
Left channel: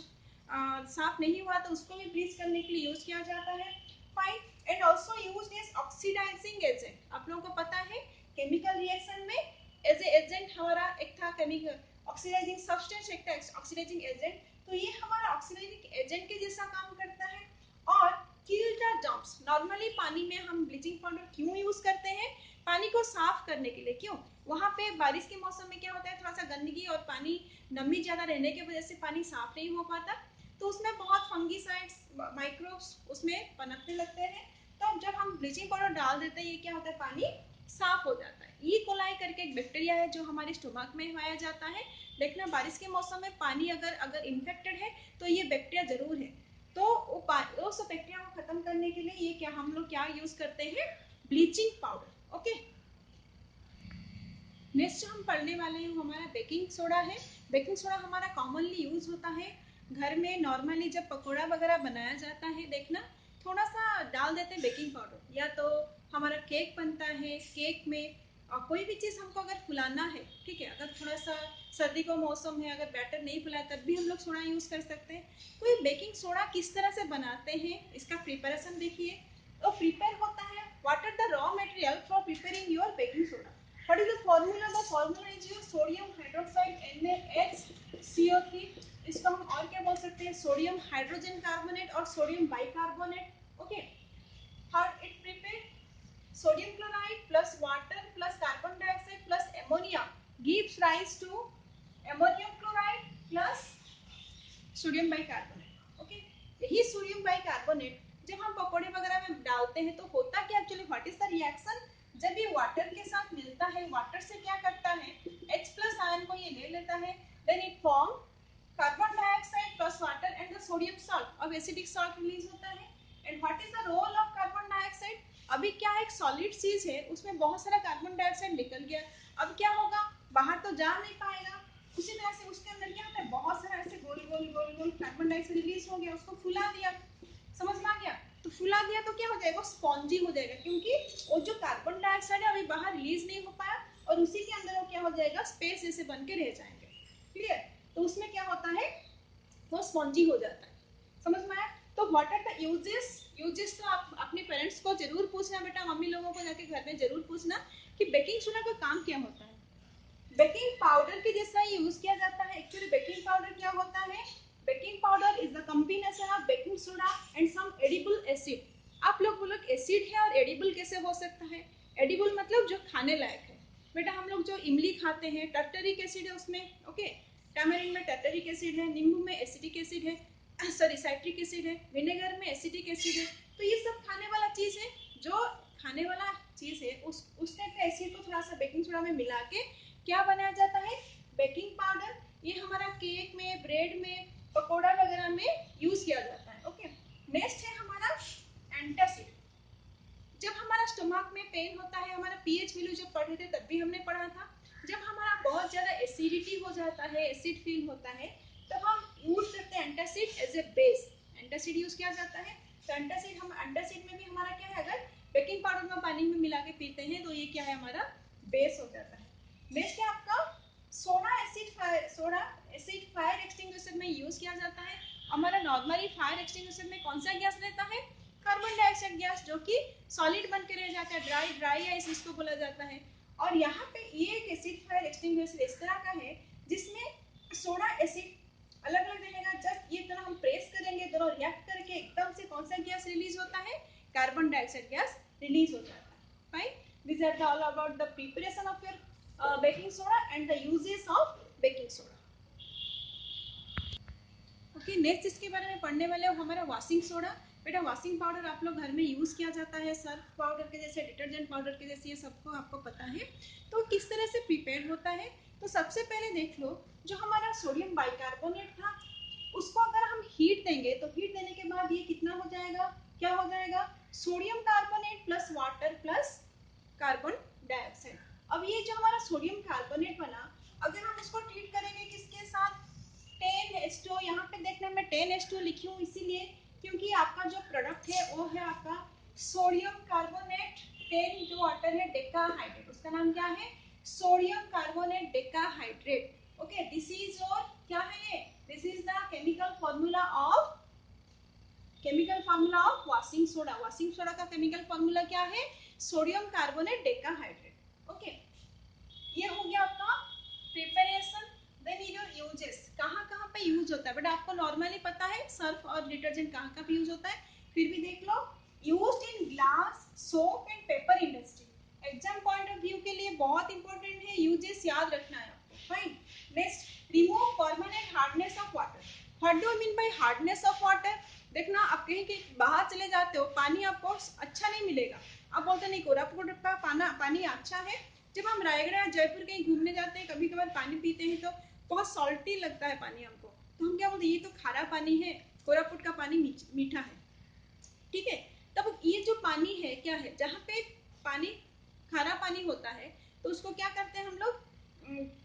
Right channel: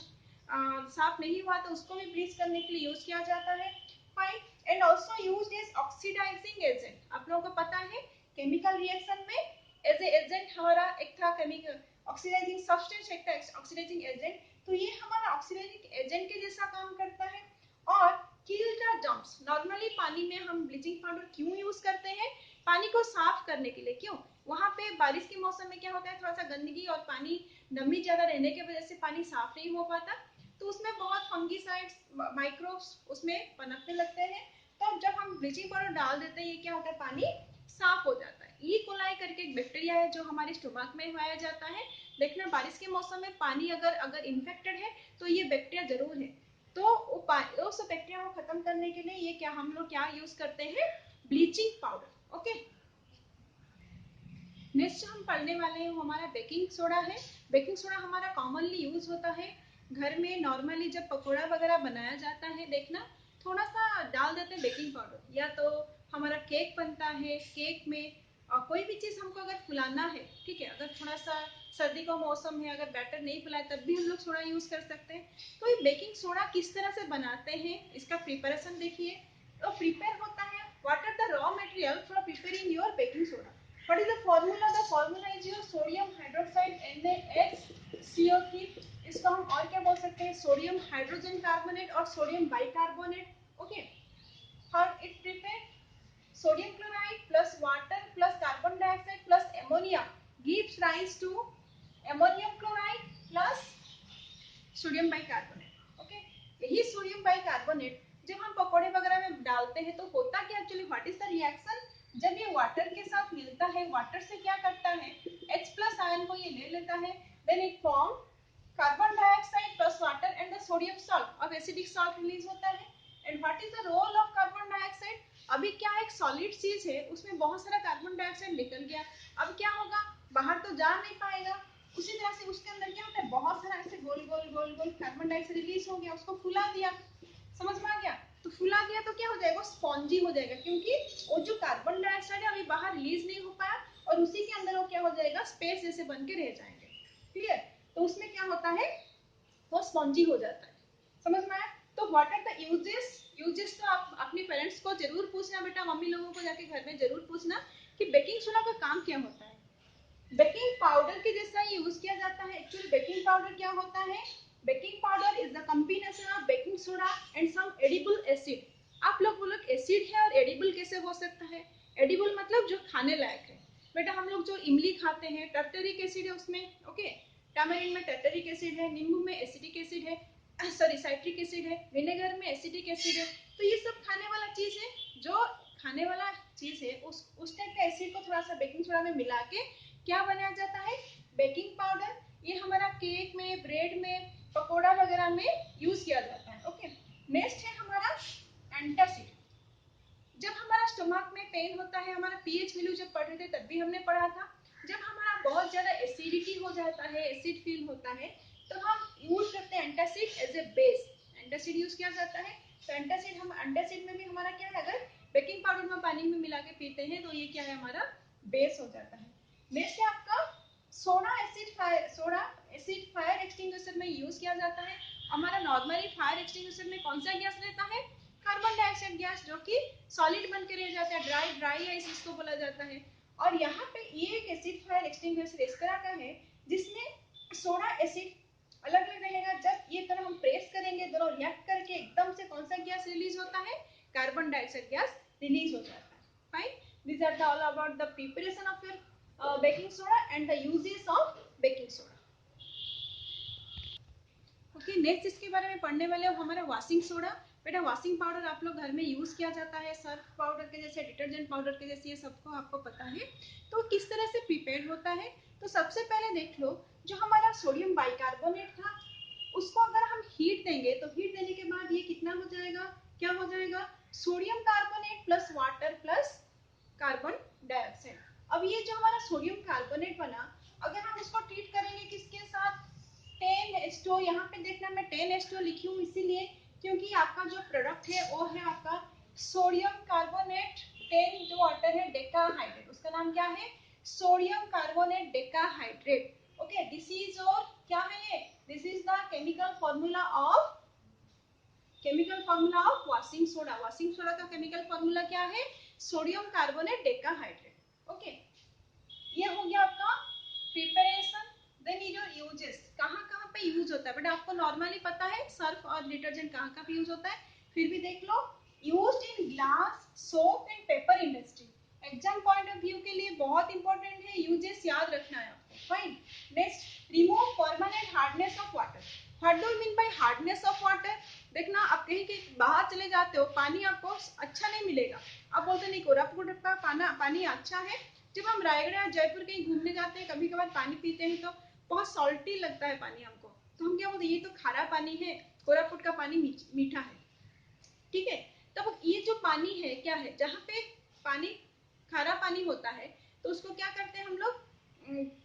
साफ नहीं हुआ तो उसको भी ब्लीच करने के लिए यूज किया जाता है, fine. And also used as oxidising agent, आप लोगों को पता है केमिकल रिएक्शन में एज ए एजेंट हमारा एक था केमिकल ऑक्सीडाइजिंग सब्सटेंस एक ऑक्सीडाइजिंग एजेंट, तो ये हमारा ऑक्सीडाइजिंग एजेंट के जैसा काम करता है। और किल द जर्म्स, नॉर्मली पानी में हम ब्लीचिंग पाउडर क्यों यूज करते हैं? पानी को साफ करने के लिए। क्यों? वहां पे बारिश के मौसम में क्या होता है, थोड़ा सा गंदगी और पानी नमी ज्यादा रहने की वजह से पानी साफ नहीं हो पाता, तो उसमें बहुत फंगीसाइड्स, माइक्रोब्स उसमें पनपने लगते हैं। तो जब हम ब्लीचिंग पाउडर डाल देते हैं, ये क्या होता है, पानी साफ हो जाता है। ई कोलाई करके एक बैक्टीरिया है जो हमारे स्टोमक में पाया जाता है। देखना, बारिश के मौसम में पानी अगर इन्फेक्टेड है तो ये बैक्टीरिया जरूर है। तो उस बैक्टीरिया को खत्म करने के लिए ये क्या हम लोग क्या यूज करते हैं, ब्लीचिंग पाउडर। ओके, नेक्स्ट हम पढ़ने वाले हैं हमारा बेकिंग सोडा है। बेकिंग सोडा हमारा कॉमनली यूज होता है घर में। नॉर्मली जब पकौड़ा वगैरह बनाया जाता है, देखना थोड़ा सा डाल देते हैं बेकिंग पाउडर, या तो हमारा केक बनता है, केक में कोई भी चीज हमको अगर फुलाना है, ठीक है, अगर थोड़ा सा सर्दी का मौसम है, अगर बैटर नहीं फुलाए तब भी हम लोग सोडा यूज कर सकते हैं। तो ये बेकिंग सोडा किस तरह से बनाते हैं, इसका प्रिपरेशन देखिए। तो प्रिपेयर होता है, what are the raw material for preparing your baking soda. What is the formula? The formula is your sodium hydroxide NaHCO3। इसको हम और क्या बोल सकते हैं, सोडियम हाइड्रोजन कार्बोनेट और सोडियम बाइकार्बोनेट। ओके, और it prepare sodium chloride plus water plus carbon dioxide plus ammonia gives rise to ammonium chloride plus sodium bicarbonate. Okay, यही सोडियम बाइकार्बोनेट जब हम पकोड़े वगैरह में डालते हैं तो होता क्या actually, what is the reaction? जब ये वाटर के साथ मिलता है, वाटर से क्या करता है, H प्लस आयन को ये ले लेता है, then it form carbon dioxide plus water and the sodium salt. अब एसिडिक सॉल्ट रिलीज होता है। And what is the role of carbon dioxide? अभी क्या है, एक सॉलिड चीज है, उसमें बहुत सारा कार्बन डाइऑक्साइड निकल गया, अब क्या होगा, बाहर तो जा नहीं पाएगा। उसी तरह से उसके अंदर क्या होता है, बहुत सारा ऐसे गोल गोल गोल गोल कार्बन डाइऑक्साइड रिलीज हो गया, उसको फुला दिया। समझ में आ गया? तो फुला दिया तो क्या हो जाएगा, स्पॉन्जी हो जाएगा, क्योंकि वो जो कार्बन डाइऑक्साइड है अभी बाहर रिलीज नहीं हो पाया, और उसी के अंदर वो क्या हो जाएगा, स्पेस जैसे बन के रह जाएंगे। क्लियर? तो उसमें क्या होता है, वो स्पॉन्जी हो जाता है। समझ में आया? तो what are the uses? Uses तो आप अपने पेरेंट्स को जरूर पूछना बेटा, मम्मी लोगों को जाके घर में जरूर पूछना कि बेकिंग सोडा का काम क्या होता है। बेकिंग पाउडर के जैसा यूज किया जाता है। एक्चुअली बेकिंग पाउडर क्या होता है, baking powder is the combination of baking soda and some edible acid. आप लोग बोलो एसिड है और एडिबल कैसे हो सकता है? एडिबल मतलब जो खाने लायक है। बेटा हम लोग जो इमली खाते हैं, टर्टरिक एसिड है उसमें। ओके, टैमरिन में टर्टरिक एसिड है, नींबू में एसिडिक एसिड है, सॉरी साइट्रिक एसिड है, विनेगर में एसिडिक एसिड है। तो ये सब खाने वाला चीज है, जो खाने वाला चीज है उस टाइप का एसिड को थोड़ा सा बेकिंग सोडा में मिला के क्या बनाया जाता है, बेकिंग पाउडर। ये हमारा केक में, ब्रेड में, पकोड़ा वगैरह में यूज किया जाता है। ओके, नेक्स्ट है हमारा एंटासिड। जब हमारा स्टमक में पेन होता है, हमारा पीएच वैल्यू जब पढ़ रहे थे तब भी हमने पढ़ा था, जब हमारा बहुत ज्यादा एसिडिटी हो जाता है, एसिड फील होता है, तो हम यूज करते हैं antacid as a base. Antacid use किया जाता है। तो एंटासिड में भी हमारा क्या है, अगर बेकिंग पाउडर में पानी में मिला के पीते हैं तो ये क्या है, हमारा बेस हो जाता है। नेक्स्ट है आपका सोडा एसिड फायर एक्सटिंग्विशर में यूज किया जाता है। हमारा नॉर्मली फायर एक्सटिंग्विशर में कौन सा गैस रहता है, कार्बन डाइऑक्साइड गैस, जो कि सॉलिड बन के रह जाता है, ड्राई आइस इसको बोला जाता है। और यहाँ पे ये एक एसिड फायर एक्सटिंग्विशर इस तरह का है जिसमें सोडा एसिड अलग अलग रहेगा। जब ये तरह हम प्रेस करेंगे, दोनों रिएक्ट करके एकदम से कौन सा गैस रिलीज होता है, कार्बन डाइऑक्साइड गैस रिलीज हो जाता है। Fine, these are all about the preparation of your baking soda and the uses of baking soda. Okay, next इसके बारे में पढ़ने वाले हो हमारा वॉशिंग सोडा। बेटा वॉशिंग पाउडर आप लोग घर में यूज किया जाता है, सर्फ पाउडर के जैसे, डिटर्जेंट पाउडर के जैसे, ये सबको आपको पता है। तो किस तरह से प्रिपेयर होता है, तो सबसे पहले देख लो, जो हमारा सोडियम बाइकार्बोनेट था उसको अगर हम हीट देंगे तो हीट देने के बाद ये कितना हो जाएगा, क्या हो जाएगा, sodium carbonate plus water plus carbon dioxide. अब ये जो हमारा सोडियम कार्बोनेट बना, अगर हम उसको ट्रीट करेंगे किसके साथ, 10H2O। यहाँ पे देखना मैं 10H2O लिखी हूँ इसीलिए क्योंकि आपका जो प्रोडक्ट है वो है आपका सोडियम कार्बोनेट 10 जो वाटर है डेकाहाइड्रेट, उसका नाम क्या है, sodium carbonate decahydrate. Okay, this is और क्या है ये, this is the chemical formula of washing soda. Washing soda का केमिकल फॉर्मूला क्या है, सोडियम कार्बोनेट डेकाहाइड्रेट। ओके, ये हो गया आपका प्रिपरेशन। देन योर यूजेस, कहाँ कहाँ पे यूज होता है, बट आपको नॉर्मली पता है सर्फ और डिटर्जेंट कहाँ कहाँ पे यूज होता है, फिर भी देख लो। Used in glass, soap and paper industry. Exam point of view के लिए बहुत इंपॉर्टेंट है, यूजेस याद रखना है आपको। Fine. Next, remove permanent hardness of water. What do mean by hardness of water? देखना, आप कहीं बाहर चले जाते हो, पानी आपको अच्छा नहीं मिलेगा, आप बोलते नहीं कोरापुट का पानी अच्छा है। जब हम रायगढ़ जयपुर कहीं घूमने जाते हैं, कभी कभार पानी पीते हैं तो बहुत सॉल्टी लगता है पानी हमको, तो हम क्या बोलते हैं, ये तो खारा पानी है, कोरापुट का पानी मीठा है। ठीक है, तब ये जो पानी है क्या है, जहाँ पे पानी खारा पानी होता है तो उसको क्या करते हैं हम लोग,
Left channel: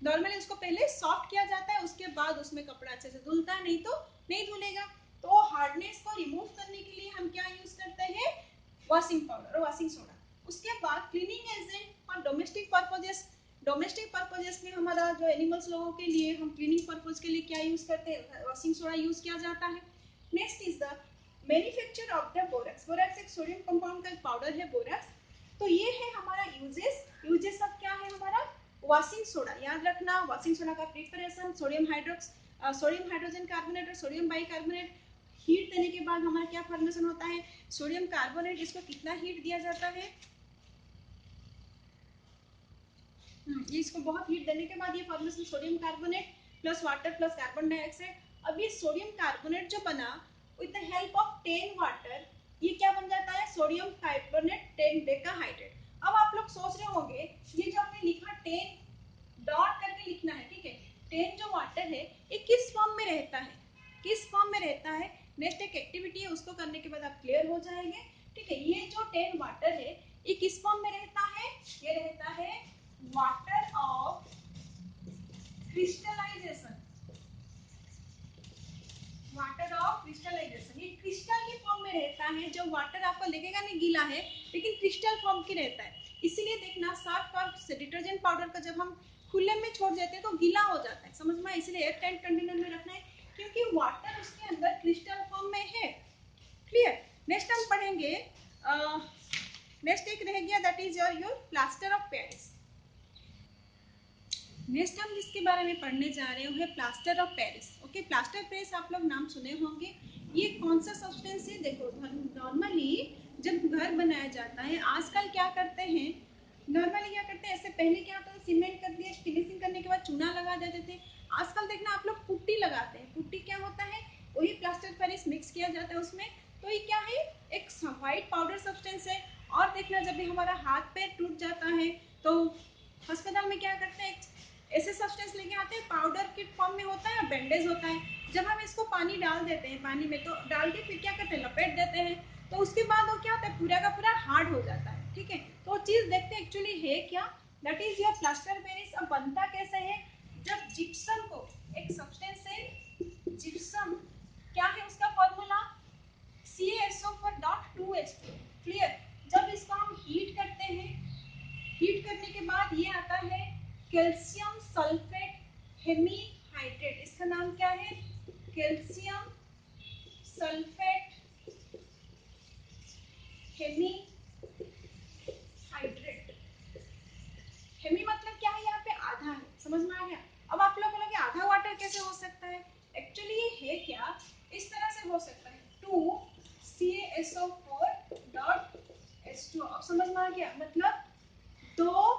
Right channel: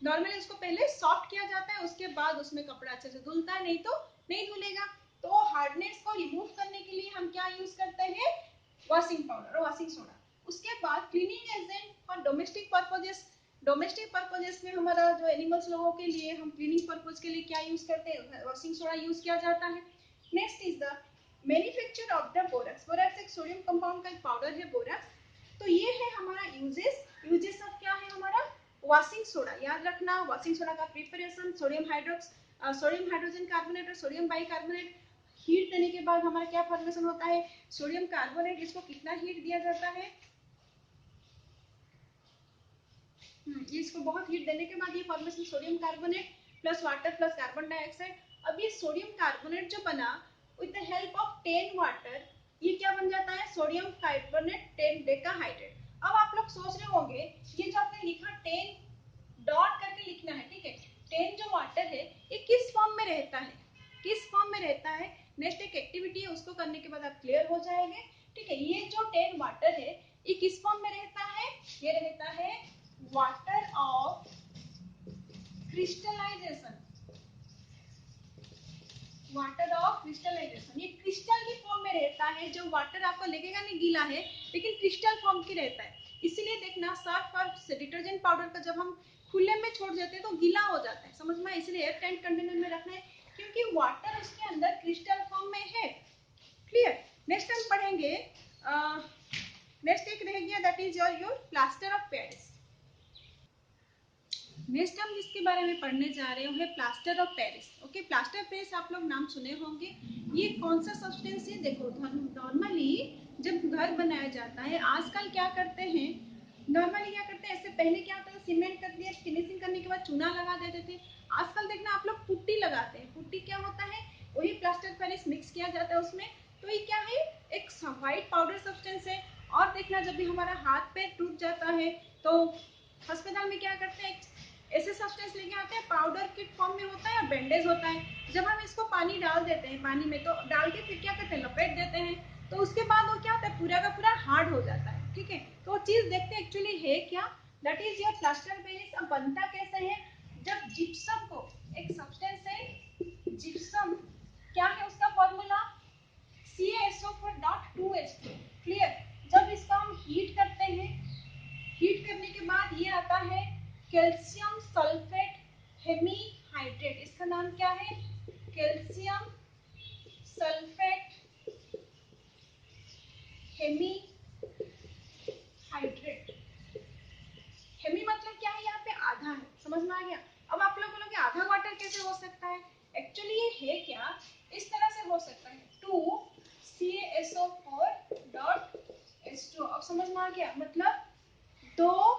नॉर्मली इसको पहले सॉफ्ट किया जाता है, उसके बाद उसमें कपड़ा अच्छे से धुलता है, नहीं तो नहीं धुलेगा। तो हार्डनेस को रिमूव करने के लिए हम क्या यूज करते हैं, वॉशिंग पाउडर और वॉशिंग सोडा। उसके बाद cleaning agent for domestic purposes. Domestic purposes में हमारा जो एनिमल्स लोगों के लिए हम क्लीनिंग पर्पज के लिए क्या यूज करते हैं, वॉशिंग सोडा यूज किया जाता है। Next is the manufacture of the borax. Borax एक सोडियम कंपाउंड का पाउडर है बोरक्स। तो ये है हमारा यूजेस। यूजेस अब क्या है हमारा, वॉशिंग सोडा, याद रखना वॉशिंग सोडा का प्रिपरेशन, सोडियम हाइड्रोजन कार्बोनेट और सोडियम बाइकार्बोनेट। हीट देने के बाद हमारा क्या फॉर्मेशन होता है, सोडियम कार्बोनेट। इसको कितना हीट दिया जाता है, ये इसको बहुत हीट देने के बाद ये formation sodium carbonate plus water plus carbon dioxide. अब ये सोडियम कार्बोनेट जो बना with the help of 10 water, ये क्या बन जाता है, सोडियम कार्बोनेट 10 डेकाहाइड्रेट। अब आप लोग सोच रहे होंगे ये जो आपने लिखा 10 डॉट करके लिखना है, ठीक है, 10 जो वाटर है ये किस फॉर्म में रहता है, किस फॉर्म में रहता है। नेक्स्ट एक एक्टिविटी है, उसको करने के बाद आप क्लियर हो जाएंगे। ठीक है, ये जो 10 वाटर है ये किस फॉर्म में रहता है, ये रहता है water of crystallisation, water of crystallisation. ये क्रिस्टल की फॉर्म में रहता है, जो वाटर आपको लगेगा नहीं गीला है, लेकिन क्रिस्टल फॉर्म की रहता है। इसीलिए देखना सर्फ और डिटर्जेंट पाउडर का जब हम खुले में छोड़ देते हैं तो गीला हो जाता है, समझ में, इसलिए एयर टाइट कंटेनर में रखना है, क्योंकि वाटर उसके अंदर क्रिस्टल फॉर्म में है। क्लियर। नेक्स्ट हम पढ़ेंगे, नेक्स्ट एक रह गया, that is your plaster of Paris. Next हम जिसके बारे में पढ़ने जा रहे हैं plaster of Paris. Okay, plaster of Paris आप लोग नाम सुने होंगे। ये कौन सा सब्सटेंस है, देखो नॉर्मली जब घर बनाया जाता है, आजकल क्या करते हैं, नॉर्मली क्या करते हैं, ऐसे पहले क्या होता था, सीमेंट कर दिया, फिनिशिंग करने के बाद चूना लगा देते थे। आजकल देखना आप लोग पुट्टी लगाते हैं। पुट्टी क्या होता है, वही प्लास्टर ऑफ पेरिस मिक्स किया जाता है उसमें। तो ये क्या है, एक व्हाइट पाउडर सब्सटेंस है। और देखना जब भी हमारा हाथ पैर टूट जाता है तो अस्पताल में क्या करते हैं, ऐसे सब्सटेंस लेके आते हैं, पाउडर के फॉर्म में होता है या बैंडेज होता है। जब हम इसको पानी डाल देते हैं, पानी में तो डाल के फिर क्या करते हैं, लपेट देते हैं, तो उसके बाद वो क्या होता है, पूरा का पूरा हार्ड हो जाता है। ठीक है, तो चीज देखते हैं एक्चुअली है क्या, that is your plaster Paris. अब बनता कैसे है, जब जिप्सम को, एक सब्सटेंस है जिप्सम, क्या है उसका फॉर्मूला, CaSO4.2H2। क्लियर। जब इसको हम हीट करते हैं, हीट करने के बाद ये आता है कैल्शियम सल्फेट हेमीहाइड्रेट। इसका नाम क्या है, कैल्शियम सल्फेट हेमीहाइड्रेट। हेमी मतलब क्या है, यहाँ पे आधा है, समझ में आ गया। अब आप लोग बोलोगे आधा वाटर कैसे हो सकता है, एक्चुअली ये है क्या, इस तरह से हो सकता है, 2CaSO4.H2। अब समझ में आ गया, मतलब दो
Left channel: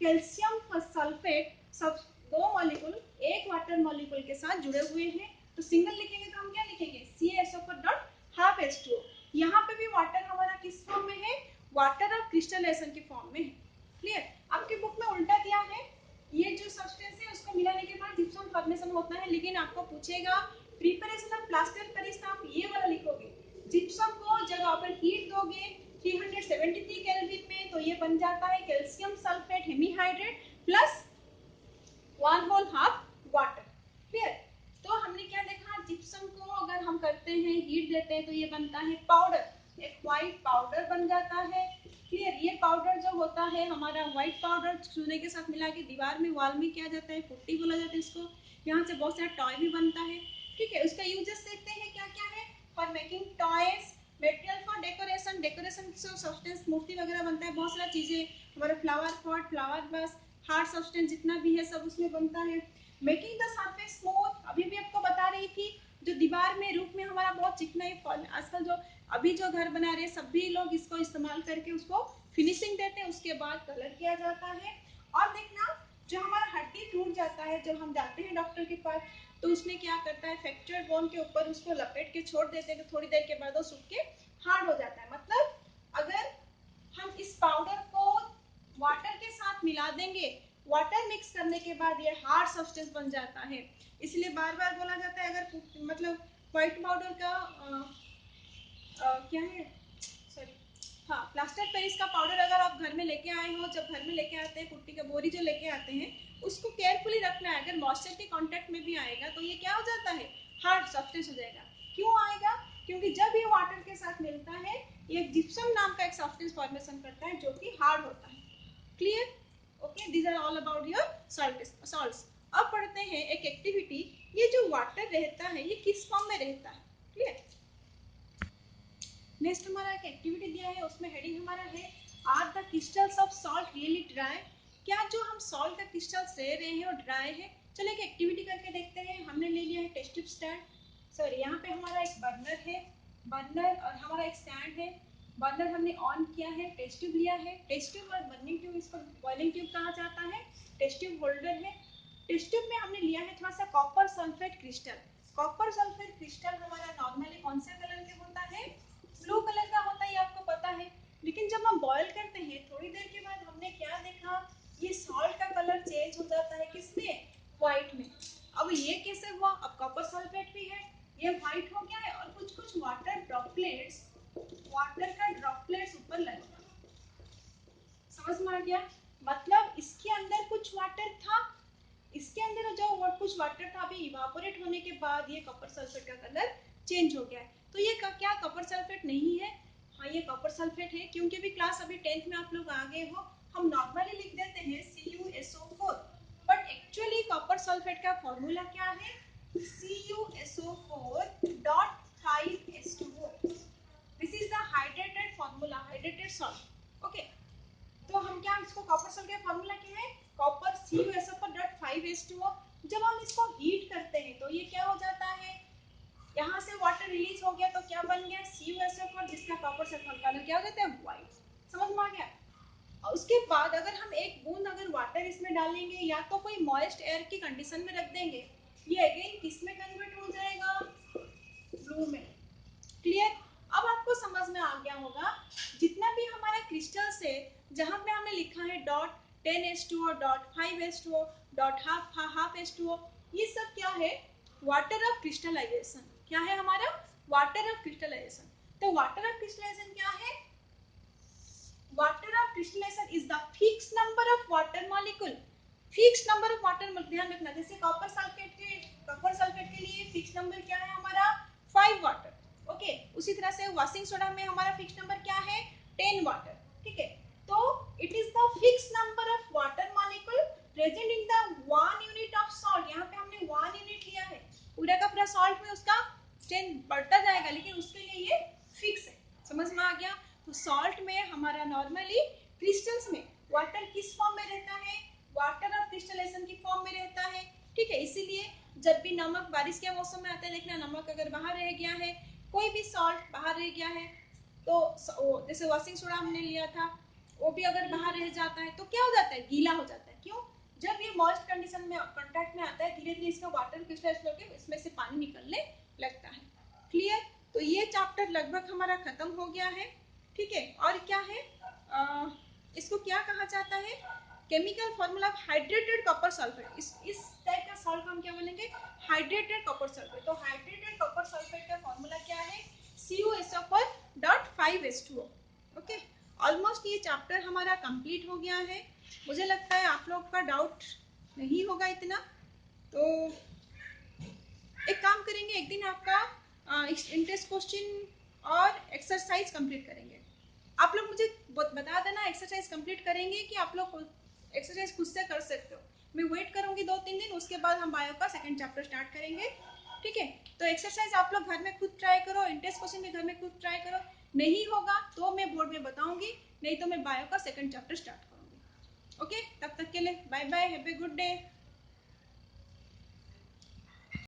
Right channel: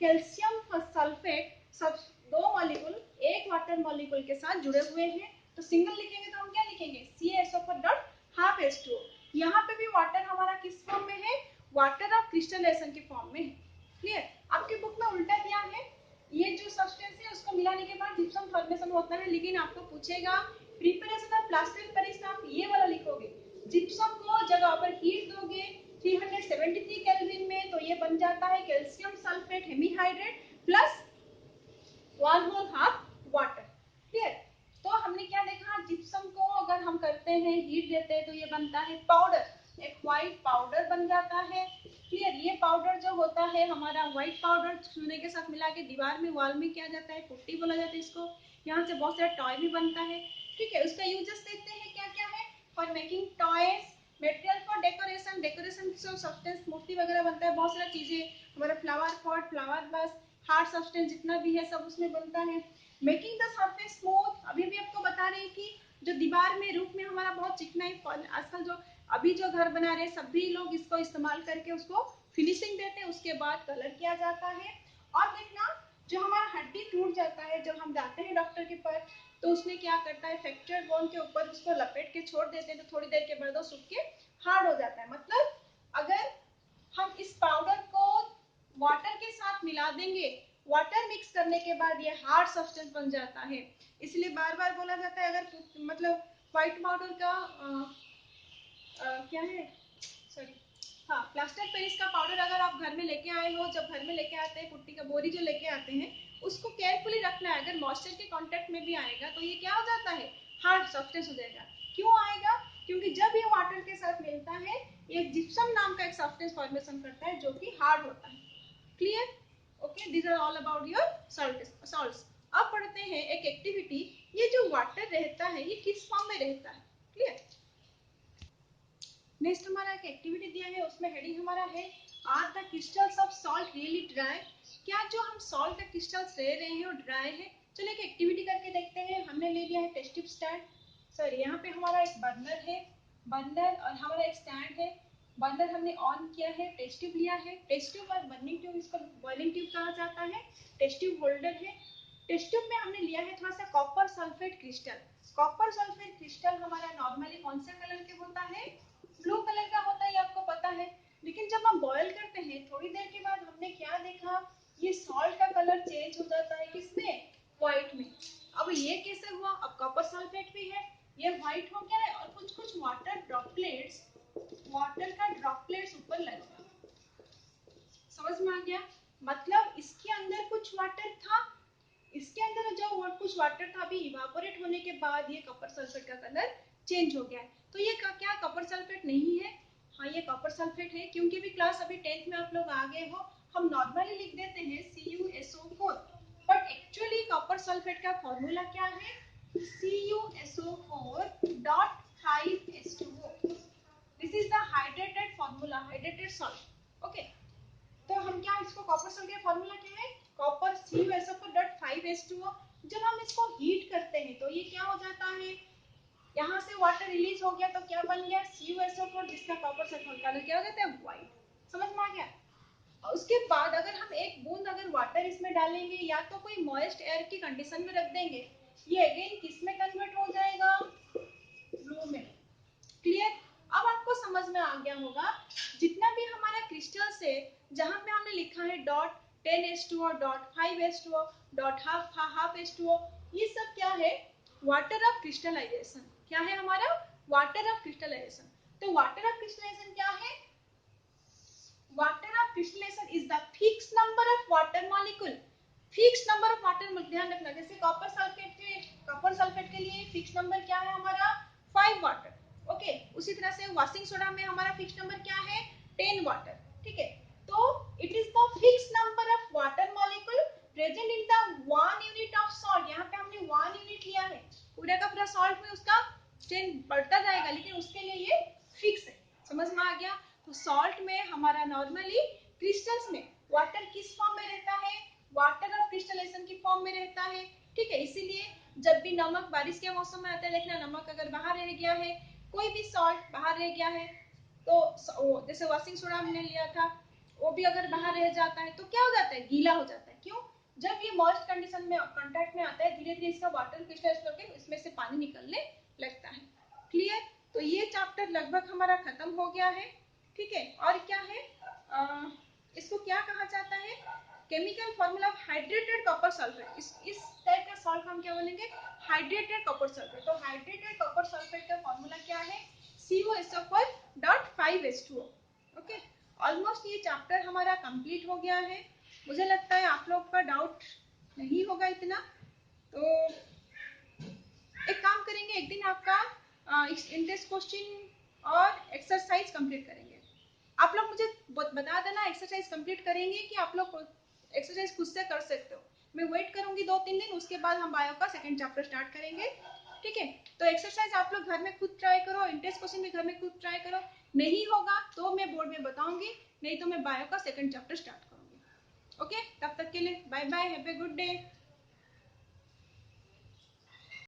कैल्शियम सल्फेट सब, दो मॉलिक्यूल एक वाटर मॉलिक्यूल के साथ जुड़े हुए हैं, तो सिंगल लिखेंगे तो हम क्या लिखेंगे, CaSO4.12H2। यहाँ पे भी वाटर हमारा किस फॉर्म में है, वाटर ऑफ क्रिस्टलाइजेशन के फॉर्म में है। क्लियर। आपके बुक में उल्टा दिया है, ये जो सब्सटेंस है उसको मिलाने के बाद जिप्सम फॉर्मेशन होता है, लेकिन आपको पूछेगा प्रिपरेशन ऑफ प्लास्टर पेरिस, आप ये वाला लिखोगे। जिप्सम को जब आप हीट दोगे 373 केल्विन में, तो ये बन जाता है calcium sulphate hemihydrate plus 1/2 water. Clear. तो हमने क्या देखा, जिप्सम को अगर हम करते हैं, हीट देते हैं, तो ये बनता है पाउडर, एक व्हाइट पाउडर बन जाता है। क्लियर। ये पाउडर जो होता है हमारा व्हाइट पाउडर चूने के साथ मिला के दीवार में, वॉल में किया जाता है, पुट्टी बोला जाता है इसको। यहाँ से बहुत सारा टॉय भी बनता है। ठीक है, उसका यूजेस देखते हैं क्या क्या है, for making toys, material for decoration, decoration substance मूर्ति वगैरह बनता है, बहुत सारा चीजें, हमारा flower pot, flower vase, hard substance जितना भी है सब उसमें बनता है। मेकिंग द सरफेस स्मूथ, अभी भी आपको बता रही थी, जो दीवार में रूप में हमारा बहुत चिकनाई, आजकल जो अभी जो घर बना रहे सभी लोग इसको इस्तेमाल करके उसको फिनिशिंग देते हैं, उसके बाद कलर किया जाता है। और देखना, जो हमारा हड्डी टूट जाता है जब हम जाते हैं डॉक्टर के पास, तो उसमें क्या करता है, फ्रैक्चर्ड बोन के ऊपर उसको लपेट के छोड़ देते हैं, तो थोड़ी देर के बाद वो सूख के हार्ड हो जाता है। मतलब अगर हम इस पाउडर को वाटर के साथ मिला देंगे, वाटर मिक्स करने के बाद ये हार्ड सब्सटेंस बन जाता है। इसलिए बार बार बोला जाता है, अगर मतलब व्हाइट पाउडर का क्या है, सॉरी, हाँ, प्लास्टर पेरिस का पाउडर अगर आप घर में लेके आए हो, जब घर में लेके आते हैं पुट्टी का बोरी जो लेके आते हैं, उसको केयरफुली रखना है। अगर मॉइस्चर के कांटेक्ट में भी आएगा तो ये क्या हो जाता है, हार्ड सब्सटेंस हो जाएगा। क्यों आएगा, क्योंकि जब ये वाटर के साथ मिलता है, ये जिप्सम नाम का एक सब्सटेंस फॉर्मेशन करता है जो कि हार्ड होता है। Clear? Okay, these are all about your salts. अब पढ़ते हैं एक एक्टिविटी, ये जो वाटर रहता है ये किस फॉर्म में रहता है। क्लियर? नेक्स्ट हमारा एक एक्टिविटी दिया है, उसमें हेडिंग हमारा है, are the crystals of salt really dry? क्या जो हम सॉल्ट के क्रिस्टल्स ले रहे हैं वो ड्राई है? चलिए एक एक्टिविटी करके देखते हैं। हमने ले लिया है टेस्ट ट्यूब स्टैंड, सॉरी यहाँ पे हमारा एक बर्नर है, बर्नर और हमारा एक स्टैंड है। बर्नर हमने ऑन किया है, टेस्ट ट्यूब लिया है, टेस्ट ट्यूब और बर्निंग ट्यूब, इसको बॉइलिंग ट्यूब कहा जाता है, टेस्ट ट्यूब होल्डर है। टेस्ट ट्यूब में हमने लिया है थोड़ा सा copper sulphate crystal. Copper sulphate crystal हमारा नॉर्मली कौन से कलर के होता है, ब्लू कलर का होता है, ये आपको पता है। लेकिन जब हम बॉयल करते हैं थोड़ी देर के बाद हमने क्या देखा, ये सॉल्ट का कलर चेंज हो जाता है, किसमें, व्हाइट में। अब ये कैसे हुआ, अब कॉपर सल्फेट भी है, ये व्हाइट हो गया है और कुछ कुछ वाटर ड्रॉपलेट्स, वाटर का ड्रॉपलेट्स ऊपर लग गया। समझ में आ गया? मतलब इसके अंदर कुछ वाटर था, इसके अंदर जो कुछ वाटर था अभी इवापोरेट होने के बाद ये कॉपर सल्फेट का कलर चेंज हो गया है। तो ये क्या कॉपर सल्फेट नहीं है? हाँ, ये कॉपर सल्फेट है, क्योंकि भी क्लास अभी 10th में आप लोग आ गए हो, हम नॉर्मली लिख देते हैं CuSO4, but actually copper sulphate का फॉर्मूला क्या है, CuSO4.5H2O। This is the hydrated formula, hydrated salt. Okay, तो हम क्या, इसको कॉपर सॉल्ट का फॉर्मूला क्या है, कॉपर CuSO4.5H2O। जब हम इसको हीट करते हैं तो ये क्या हो जाता है, यहाँ से वाटर रिलीज हो गया तो क्या बन गया, CuSO4, जिसका कॉपर सल्फर कलर क्या हो जाता है, व्हाइट। समझ में आ गया? और उसके बाद अगर हम एक बूंद अगर वाटर इसमें डालेंगे या तो कोई मॉइस्ट एयर की कंडीशन में रख देंगे, ये अगेन किस में कन्वर्ट हो जाएगा, ब्लू में। क्लियर? अब आपको समझ में आ गया होगा, जितना भी हमारा क्रिस्टल्स है, जहां पे हमने लिखा है dot 10H2O, dot 5H2O, dot half H2O, ये सब क्या है, वाटर ऑफ क्रिस्टलाइजेशन। क्या है हमारा, वाटर ऑफ क्रिस्टलाइजेशन। तो वाटर ऑफ क्रिस्टलाइजेशन क्या है, water of crystallisation is the fix number of water molecule. Fix number of water, ध्यान रखना, जैसे कॉपर सल्फेट के लिए फिक्स नंबर क्या है हमारा, 5 वाटर। ओके, उसी तरह से वॉशिंग सोडा में हमारा फिक्स नंबर क्या है, 10 वाटर। ठीक है, तो it is the fix number of water molecule present in the 1 unit of salt. यहाँ पे हमने 1 यूनिट लिया है, पूरा का पूरा सॉल्ट में उसका स्ट्रेंथ बढ़ता जाएगा, लेकिन उसके लिए ये फिक्स है। समझ में आ गया? तो सॉल्ट में हमारा नॉर्मली क्रिस्टल्स में वाटर किस फॉर्म में रहता है, वाटर ऑफ क्रिस्टलाइजेशन की फॉर्म में रहता है। ठीक है, इसीलिए जब भी नमक बारिश के मौसम में आता है, देखना नमक अगर बाहर रह गया है, कोई भी सॉल्ट बाहर रह गया है, तो जैसे वॉशिंग सोडा हमने लिया था, वो भी अगर बाहर रह जाता है तो क्या हो जाता है, गीला हो जाता है। क्यों? जब ये मॉइस्ट कंडीशन में कांटेक्ट में आता है, धीरे धीरे इसका वाटर क्रिस्टलाइज करके इसमें से पानी निकलने लगता है। क्लियर? तो ये चैप्टर लगभग हमारा खत्म हो गया है। ठीक है, और क्या है, इसको क्या कहा जाता है, chemical formula of hydrated copper sulphate. इस टाइप का सॉल्ट हम क्या बोलेंगे, हाइड्रेटेड कॉपर सल्फेट। तो हाइड्रेटेड कॉपर सल्फेट का फॉर्मूला क्या है, CuSO4.5H2O। ओके, ऑलमोस्ट ये चैप्टर हमारा कंप्लीट हो गया है। मुझे लगता है आप लोग का डाउट नहीं होगा इतना। तो एक काम करेंगे, एक दिन आपका इंटरेस्ट क्वेश्चन और एक्सरसाइज कंप्लीट करेंगे। आप लोग मुझे बता देना एक्सरसाइज कंप्लीट करेंगे कि आप लोग एक्सरसाइज खुद से कर सकते हो। मैं वेट करूंगी 2-3 दिन, उसके बाद हम बायो का सेकंड चैप्टर स्टार्ट करेंगे। ठीक है, तो एक्सरसाइज आप लोग घर में खुद ट्राई करो, इंटरेस्ट क्वेश्चन भी घर में खुद ट्राई करो। नहीं होगा तो मैं बोर्ड में बताऊंगी, नहीं तो मैं बायो का सेकंड चैप्टर स्टार्ट करूंगी। ओके, तब तक के लिए bye bye, have a good day.